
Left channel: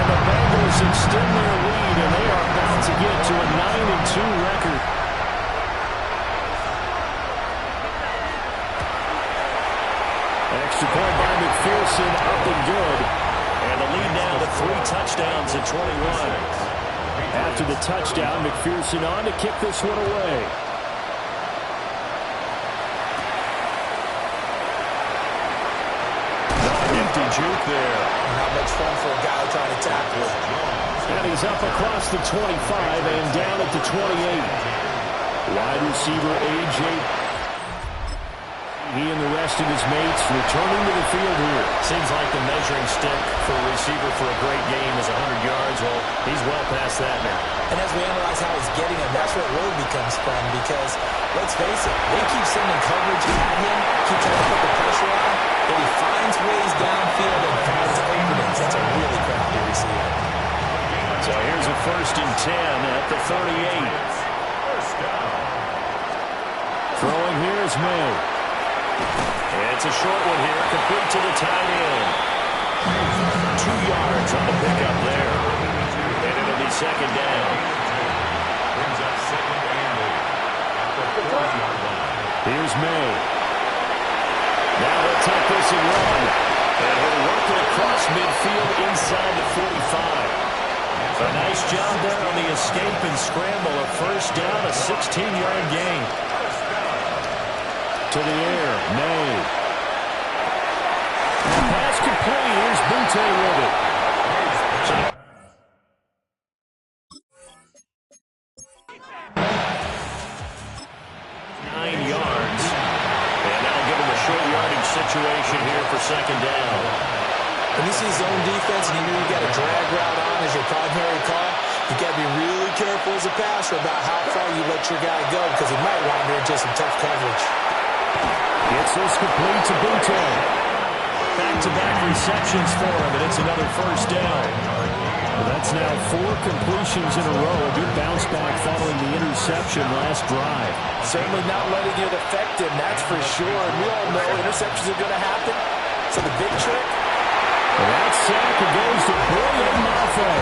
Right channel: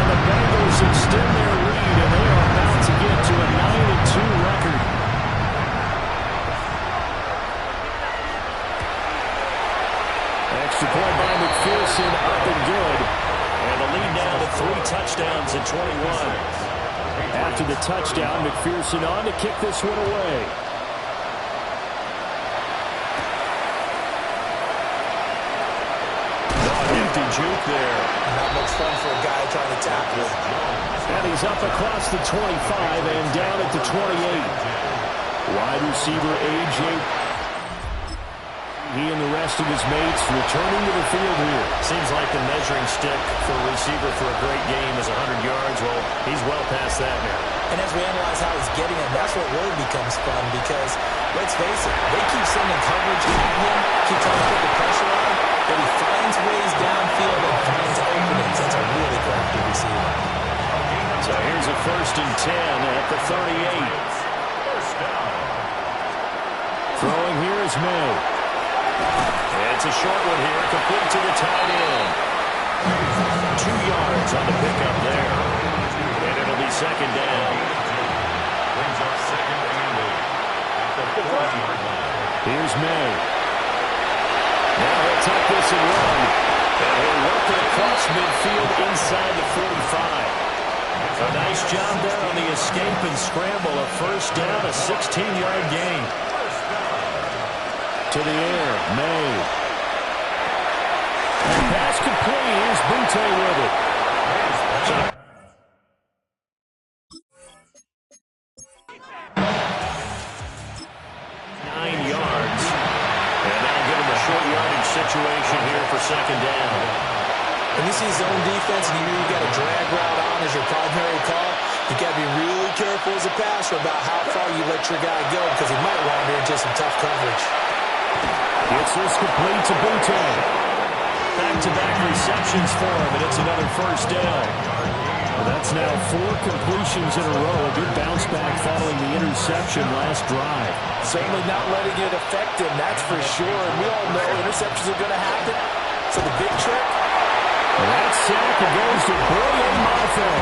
And the Bengals extend their lead, and they are about to get to a 9-2 record. Extra point by McPherson, up and good. And the lead now to 3 touchdowns at 21. After the touchdown, McPherson on to kick this one away. Nifty juke there. Not much fun for a guy trying to tackle. And he's up across the 25 and down at the 28. Wide receiver A.J. He and the rest of his mates returning to the field here. Seems like the measuring stick for a receiver for a great game is 100 yards. Well, he's well past that now. And as we analyze how he's getting them, that's what really becomes fun because, let's face it, they keep sending coverage at him, keep trying to put the pressure on, but he finds ways downfield and finds openings. That's a really crafty receiver. So here's a 1st and 10 at the 38. 1st down. Throwing here is May. It's a short one here, complete to the tight end. 2 yards on the pickup there. And it'll be 2nd down. Brings up 2nd and 8 at the 40-yard line. Here's May. Now he'll tuck this and run. And he'll work it across midfield inside the 45. A nice job there on the escape and scramble. A 1st down, a 16-yard gain. To the air, May. And pass complete. Here's Butte with it. 9 yards. And that'll give him a short yardage situation here for 2nd down. When you see zone defense and you know you got a drag route on as your primary call, you got to be really careful as a passer about how far you let your guy go because he might wander into some tough coverage. Gets this complete to Butte. Back-to-back receptions for him, and it's another 1st down. Well, that's now 4 completions in a row. A good bounce back following the interception last drive. Certainly not letting it affect him, that's for sure. And we all know interceptions are going to happen. So the big trick, That sack goes to Brilliant Mafe.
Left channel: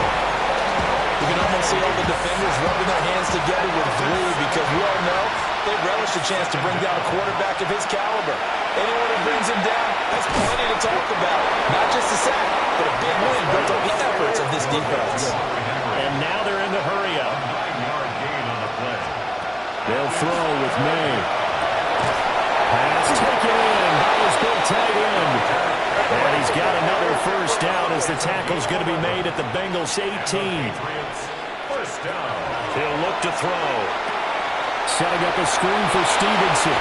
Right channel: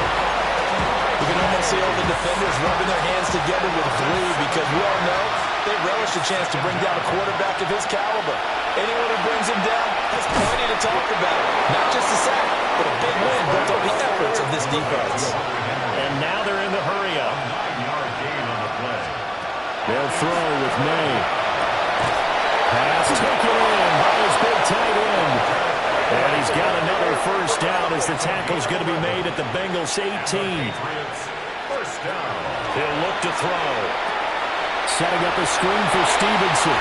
You can almost see all the defenders rubbing their hands together with glee because we all know they relish the chance to bring down a quarterback of his caliber. Anyone who brings him down has plenty to talk about. Not just a sack, but a big win built on the efforts of this defense. And now they're in the hurry-up. 9-yard gain on the play. They'll throw with May. Pass taken in by his big tight end. And he's got another first down as the tackle's going to be made at the Bengals 18. First down. He'll look to throw. Setting up a screen for Stevenson.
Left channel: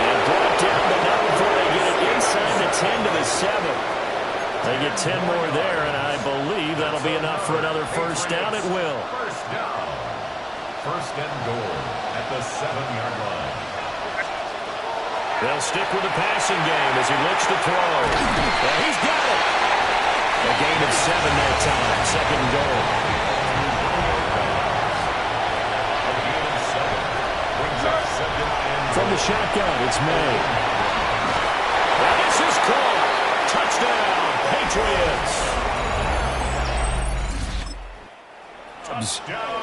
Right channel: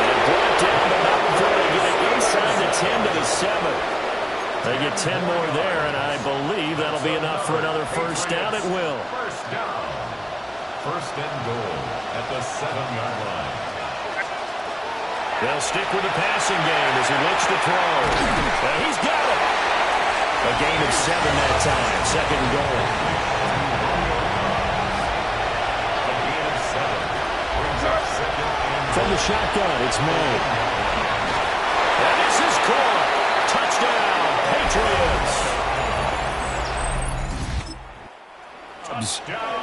And brought down, but not before they get it inside the 10 to the 7. They get 10 more there, and I believe that'll be enough for another first down. It will. First down. First and goal at the 7-yard line. They'll stick with the passing game as he looks to throw. He's got it. A gain of 7 that time. Second and goal. A gain of 7. Brings up second and goal. From the shotgun, it's May. And this is caught. Touchdown, Patriots.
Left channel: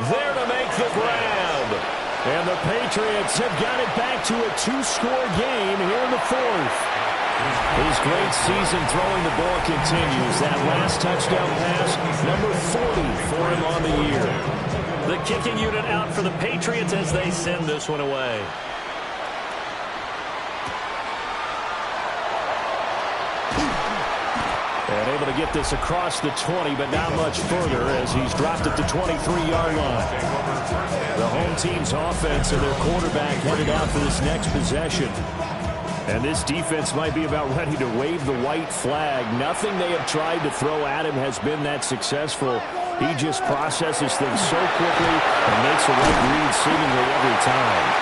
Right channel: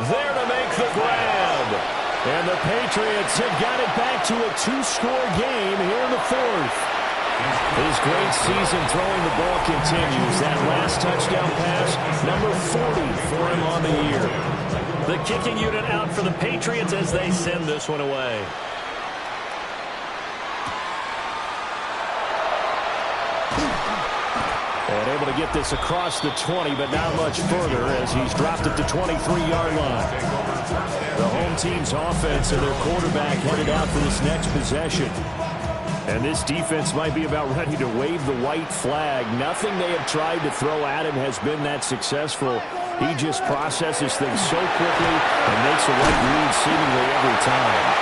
There to make the grab. And the Patriots have got it back to a 2-score game here in the fourth. His great season throwing the ball continues. That last touchdown pass, number 40 for him on the year. The kicking unit out for the Patriots as they send this one away. And able to get this across the 20, but not much further as he's dropped it to 23-yard line. The home team's offense and their quarterback headed out for this next possession. And this defense might be about ready to wave the white flag. Nothing they have tried to throw at him has been that successful. He just processes things so quickly and makes the right read seemingly every time.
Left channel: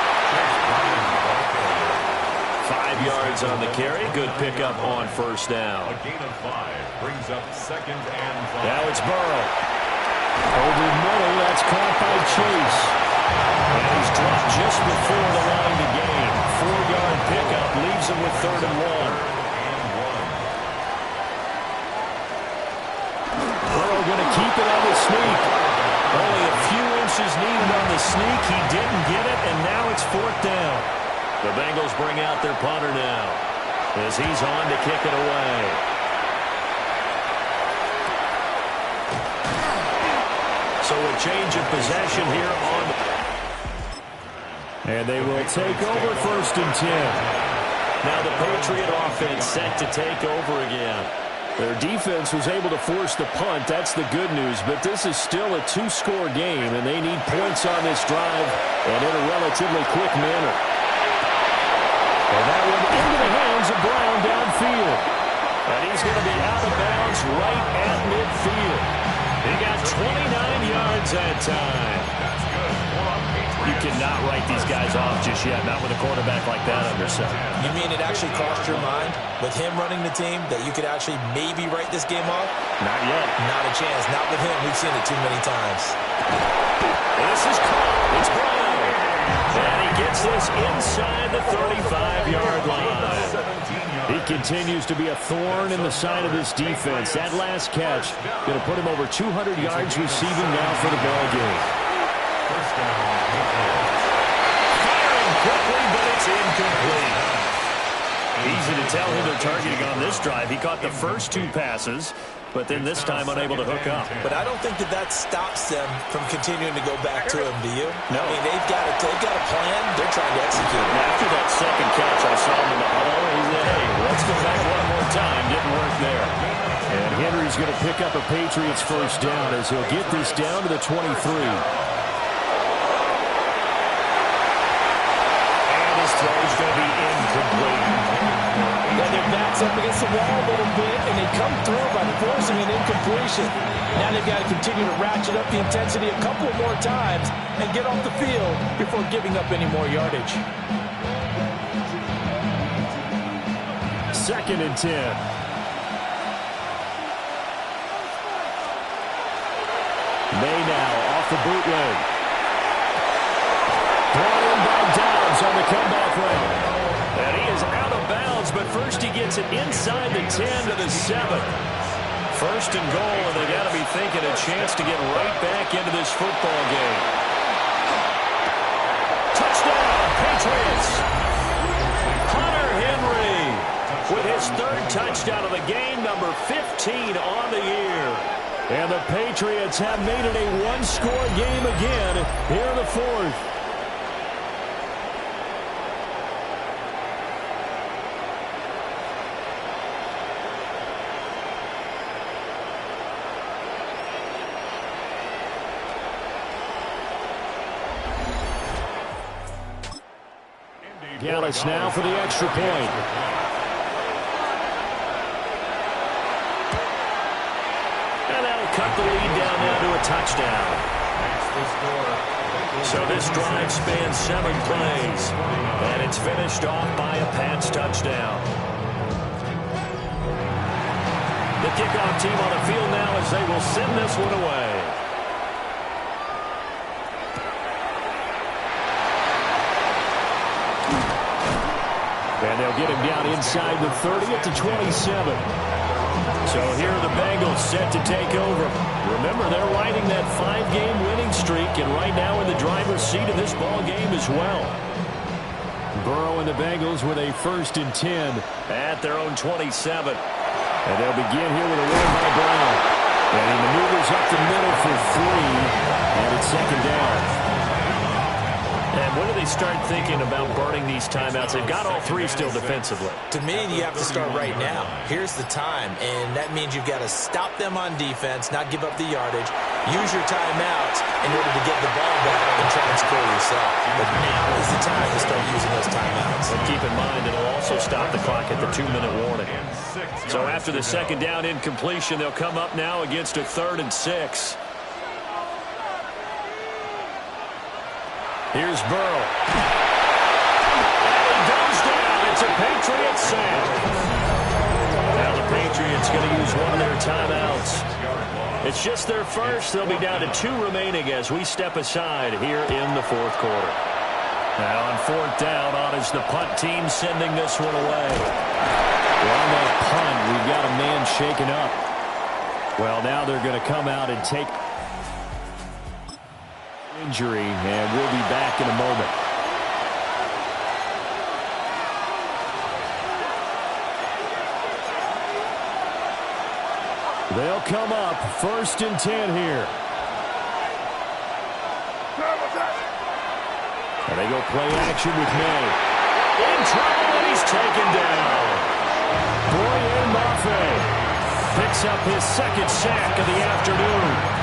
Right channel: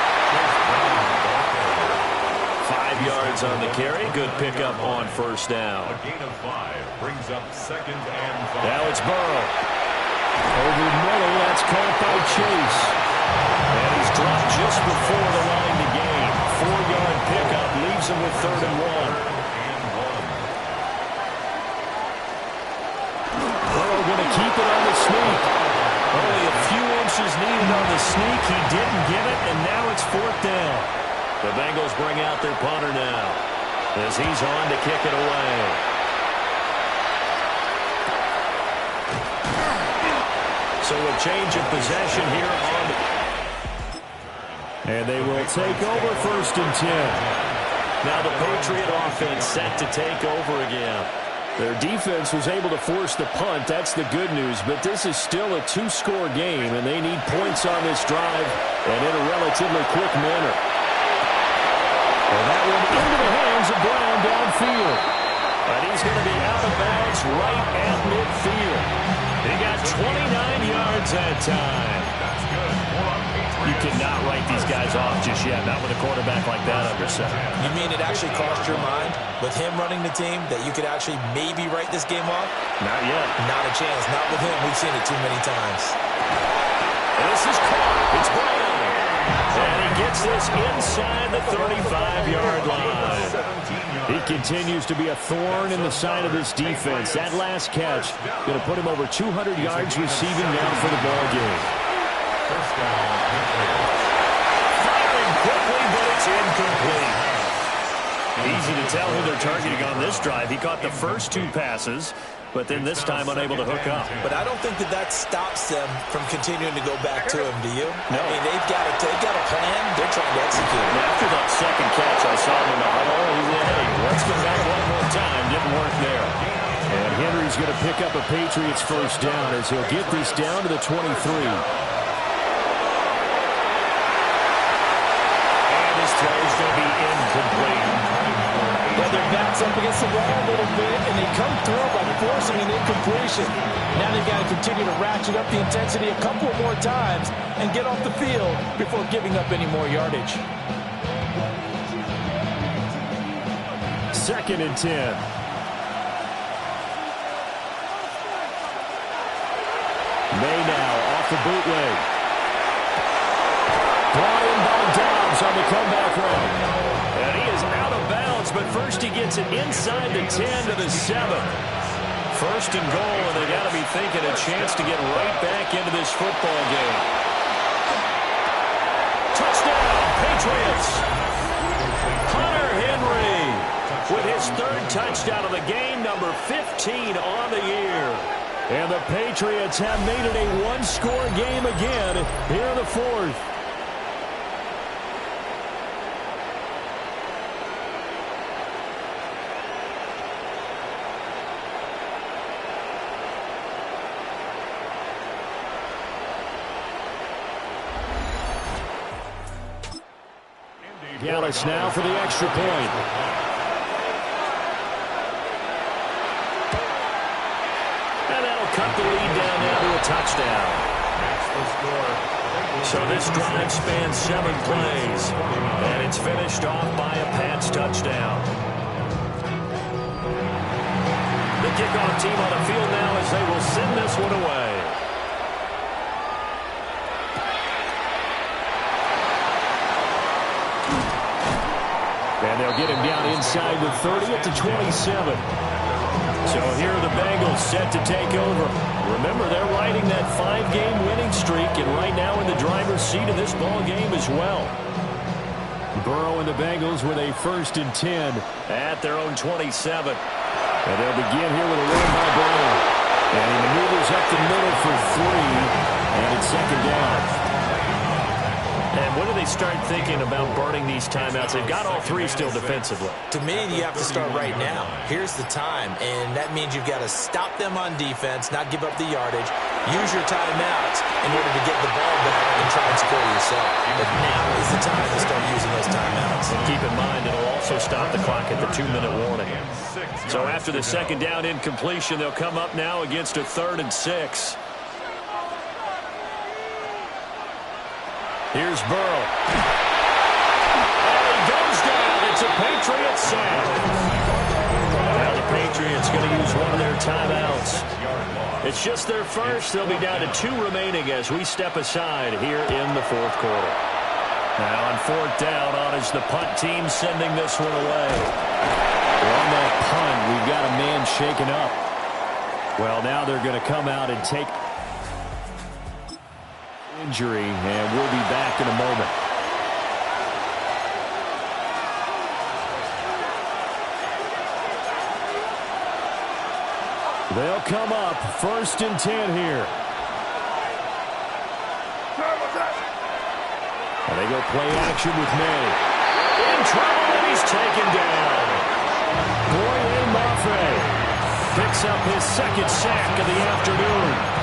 5 yards on the carry. Good pickup on first down. A gain of 5 brings up second and 5. Now it's Burrow. Over middle, that's caught by Chase. And he's dropped just before the line to gain. 4-yard pickup leaves him with 3rd and 1. Burrow going to keep it on the sneak. Only a few inches needed on the sneak. He didn't get it, and now it's 4th down. The Bengals bring out their punter now as he's on to kick it away. So a change of possession here on the... And they will take over 1st and 10. Now the Patriot offense set to take over again. Their defense was able to force the punt. That's the good news. But this is still a 2-score game, and they need points on this drive and in a relatively quick manner. And that one into the hands of Brown downfield. And he's going to be out of bounds right at midfield. He got 29 yards that time. That's good. You cannot write these guys off just yet, not with a quarterback like that under center. You mean it actually crossed your mind with him running the team that you could actually maybe write this game off? Not yet. Not a chance. Not with him. We've seen it too many times. And this is caught. It's Brown. And he gets this inside the 35-yard line. He continues to be a thorn in the side of this defense. That last catch going to put him over 200 yards receiving now for the ball game. First down, Patriots. Firing quickly, but it's incomplete. Easy to tell who they're targeting on this drive. He caught the first 2 passes, but then this time unable to hook up. But I don't think that stops them from continuing to go back to him, do you? No. I mean, they've got a plan. They're trying to execute it. Now, after that second catch, I saw him in the huddle. He said, hey, let's go back one more time. Didn't work there. And Henry's going to pick up a Patriots first down as he'll get this down to the 23. His throw is going to be incomplete. Yeah, their back's up against the wall a little bit, and they come through by forcing an incompletion. Now they've got to continue to ratchet up the intensity a couple more times and get off the field before giving up any more yardage. 2nd and 10. May now off the bootleg. Brought in by Dobbs on the comeback route. And he is out of bounds downs, but first he gets it inside the 10 to the 7. First and goal, and they got to be thinking a chance to get right back into this football game. Touchdown, Patriots! Hunter Henry with his third touchdown of the game, number 15 on the year. And the Patriots have made it a one-score game again here in the fourth. Gallup now for the extra point. And that'll cut the lead down now to a touchdown. So this drive spans 7 plays. And it's finished off by a Pats touchdown. The kickoff team on the field now as they will send this one away. And they'll get him down inside the 30 at the 27. So here are the Bengals set to take over. Remember, they're riding that 5-game winning streak, and right now in the driver's seat of this ball game as well. Burrow and the Bengals with a 1st and 10 at their own 27. And they'll begin here with a run by Brown. And he maneuvers up the middle for 3, and it's 2nd down. And when do they start thinking about burning these timeouts? They've got all 3 still defensively. To me, you have to start right now. Here's the time, and that means you've got to stop them on defense, not give up the yardage, use your timeouts in order to get the ball back and try and score yourself. But now is the time to start using those timeouts. And keep in mind, it'll also stop the clock at the 2-minute warning. So after the 2nd down incompletion, they'll come up now against a 3rd and 6. Here's Burrow. And he goes down. It's a Patriots sack. Now the Patriots going to use one of their timeouts. It's just their first. They'll be down to 2 remaining as we step aside here in the 4th quarter. Now on 4th down, on is the punt team sending this one away. Well, on that punt, we've got a man shaken up. Well, now they're going to come out and take injury, and we'll be back in a moment. They'll come up 1st and 10 here. And they go play action with May. In trouble, and he's taken down. Boye Mafe picks up his 2nd sack of the afternoon.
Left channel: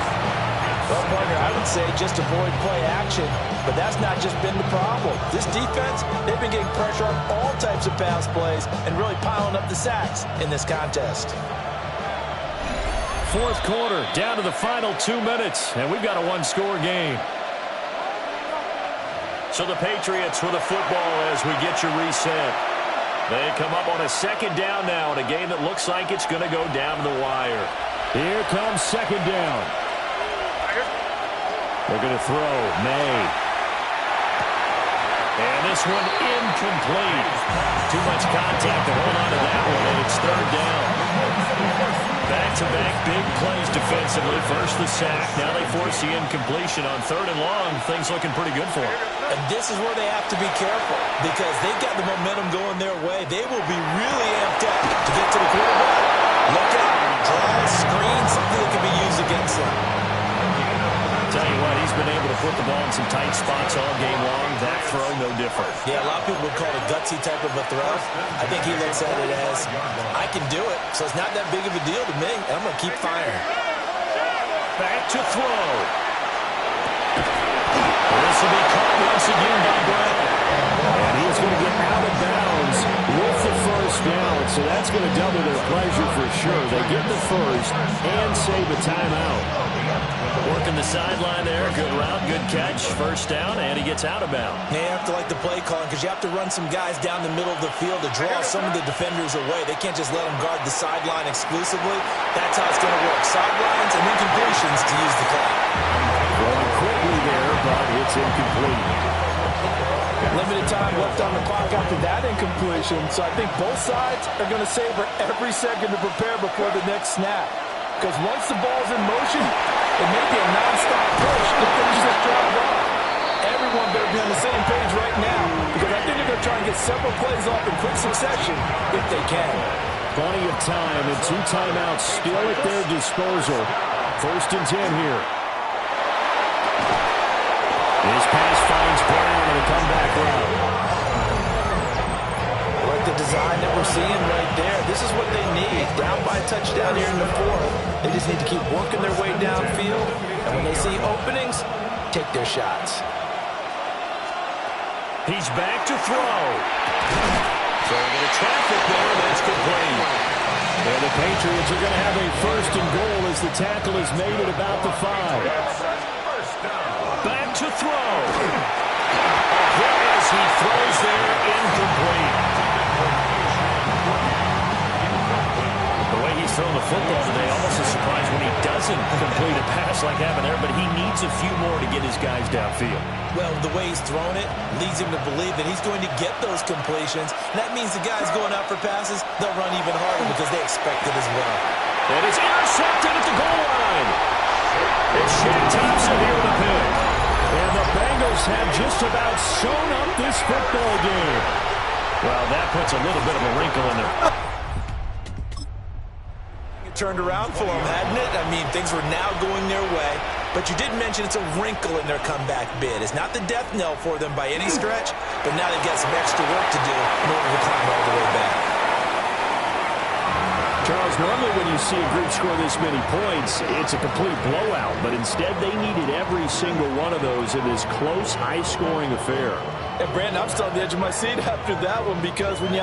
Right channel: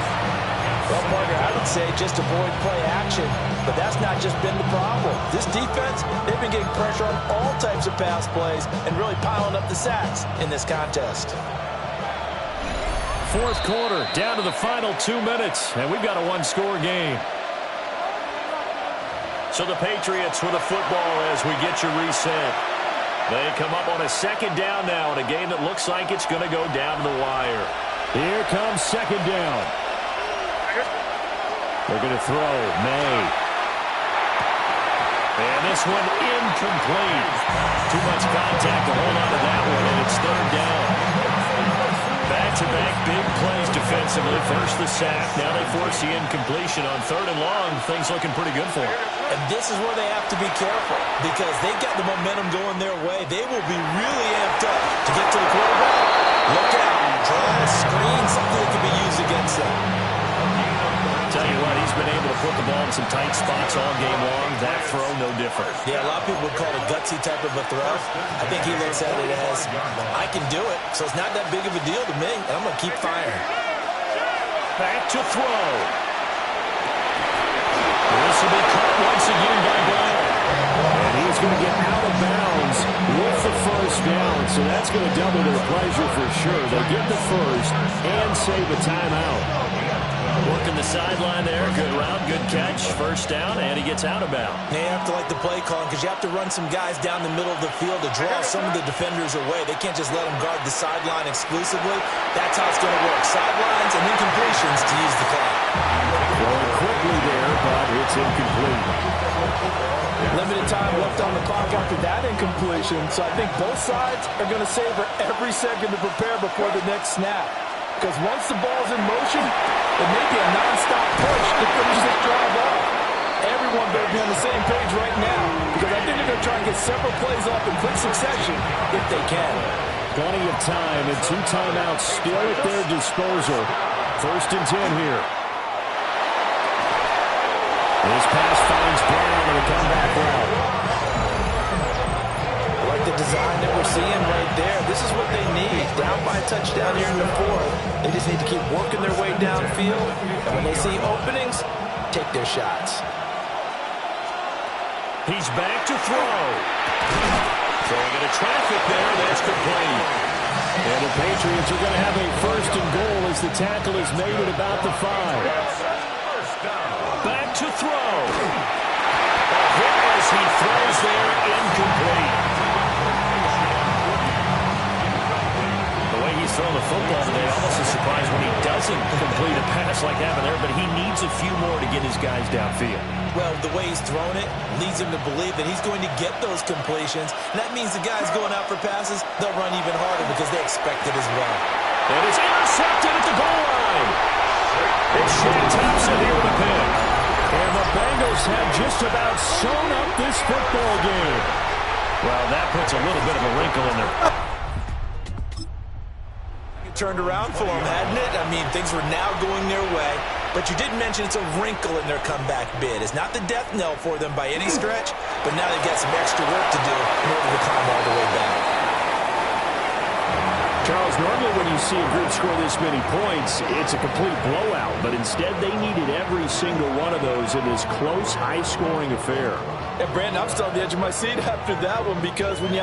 Well, partner, I would say just avoid play action, but that's not just been the problem. This defense, they've been getting pressure on all types of pass plays and really piling up the sacks in this contest. 4th quarter, down to the final 2 minutes, and we've got a one-score game. So the Patriots with a football as we get your reset. They come up on a 2nd down now in a game that looks like it's going to go down to the wire. Here comes 2nd down. They're going to throw. May. And this one incomplete. Too much contact to hold on to that one, and it's 3rd down. Back-to-back big plays defensively. First the sack. Now they force the incompletion on 3rd and long. Things looking pretty good for them. And this is where they have to be careful because they've got the momentum going their way. They will be really amped up to get to the quarterback. Look out. Draw a screen, something that can be used against them. Tell you what, he's been able to put the ball in some tight spots all game long. That throw, no different. Yeah, a lot of people would call it a gutsy type of a throw. I think he looks at it as, I can do it, so it's not that big of a deal to me, and I'm going to keep firing. Back to throw. This will be caught once again by Brown. And he's going to get out of bounds with the 1st down, so that's going to double their pleasure for sure. They get the 1st and save a timeout. Working the sideline there. Good route, good catch. 1st down, and he gets out of bounds. They have to like the play calling because you have to run some guys down the middle of the field to draw some of the defenders away. They can't just let them guard the sideline exclusively. That's how it's going to work. Sidelines and then completions to use the clock. Going quickly there, but but it's incomplete. Limited time left on the clock after that incompletion, so I think both sides are going to savor every second to prepare before the next snap. Because once the ball's in motion, it may be a nonstop push to finish this drive off. Everyone better be on the same page right now, because I think they're going to try and get several plays off in quick succession if they can. Plenty of time and 2 timeouts still at their disposal. 1st and 10 here. This pass finds Brown on the comeback route. I like the design that we're seeing right there. This is what they need. Down by a touchdown here in the 4th. They just need to keep working their way downfield. And when they see openings, take their shots. He's back to throw. Throwing into traffic there. That's complete. And the Patriots are going to have a 1st and goal as the tackle is made at about the 5. Back to throw. A hit as he throws there, incomplete. The way he's throwing the football today, almost a surprise when he doesn't complete a pass like that there, but he needs a few more to get his guys downfield. Well, the way he's thrown it leads him to believe that he's going to get those completions. And that means the guys going out for passes, they'll run even harder because they expect it as well. And it's intercepted at the goal line. It's Shaq Thompson here with a pick. And the Bengals have just about sewn up this football game. Well, that puts a little bit of a wrinkle in there. It turned around for them, hadn't it? I mean, things were now going their way. But you did mention it's a wrinkle in their comeback bid. It's not the death knell for them by any stretch, but now they've got some extra work to do in order to climb all the way back. Charles, normally when you see a group score this many points, it's a complete blowout. But instead, they needed every single one of those in this close, high-scoring affair. And Brandon, I'm still on the edge of my seat after that one because when you have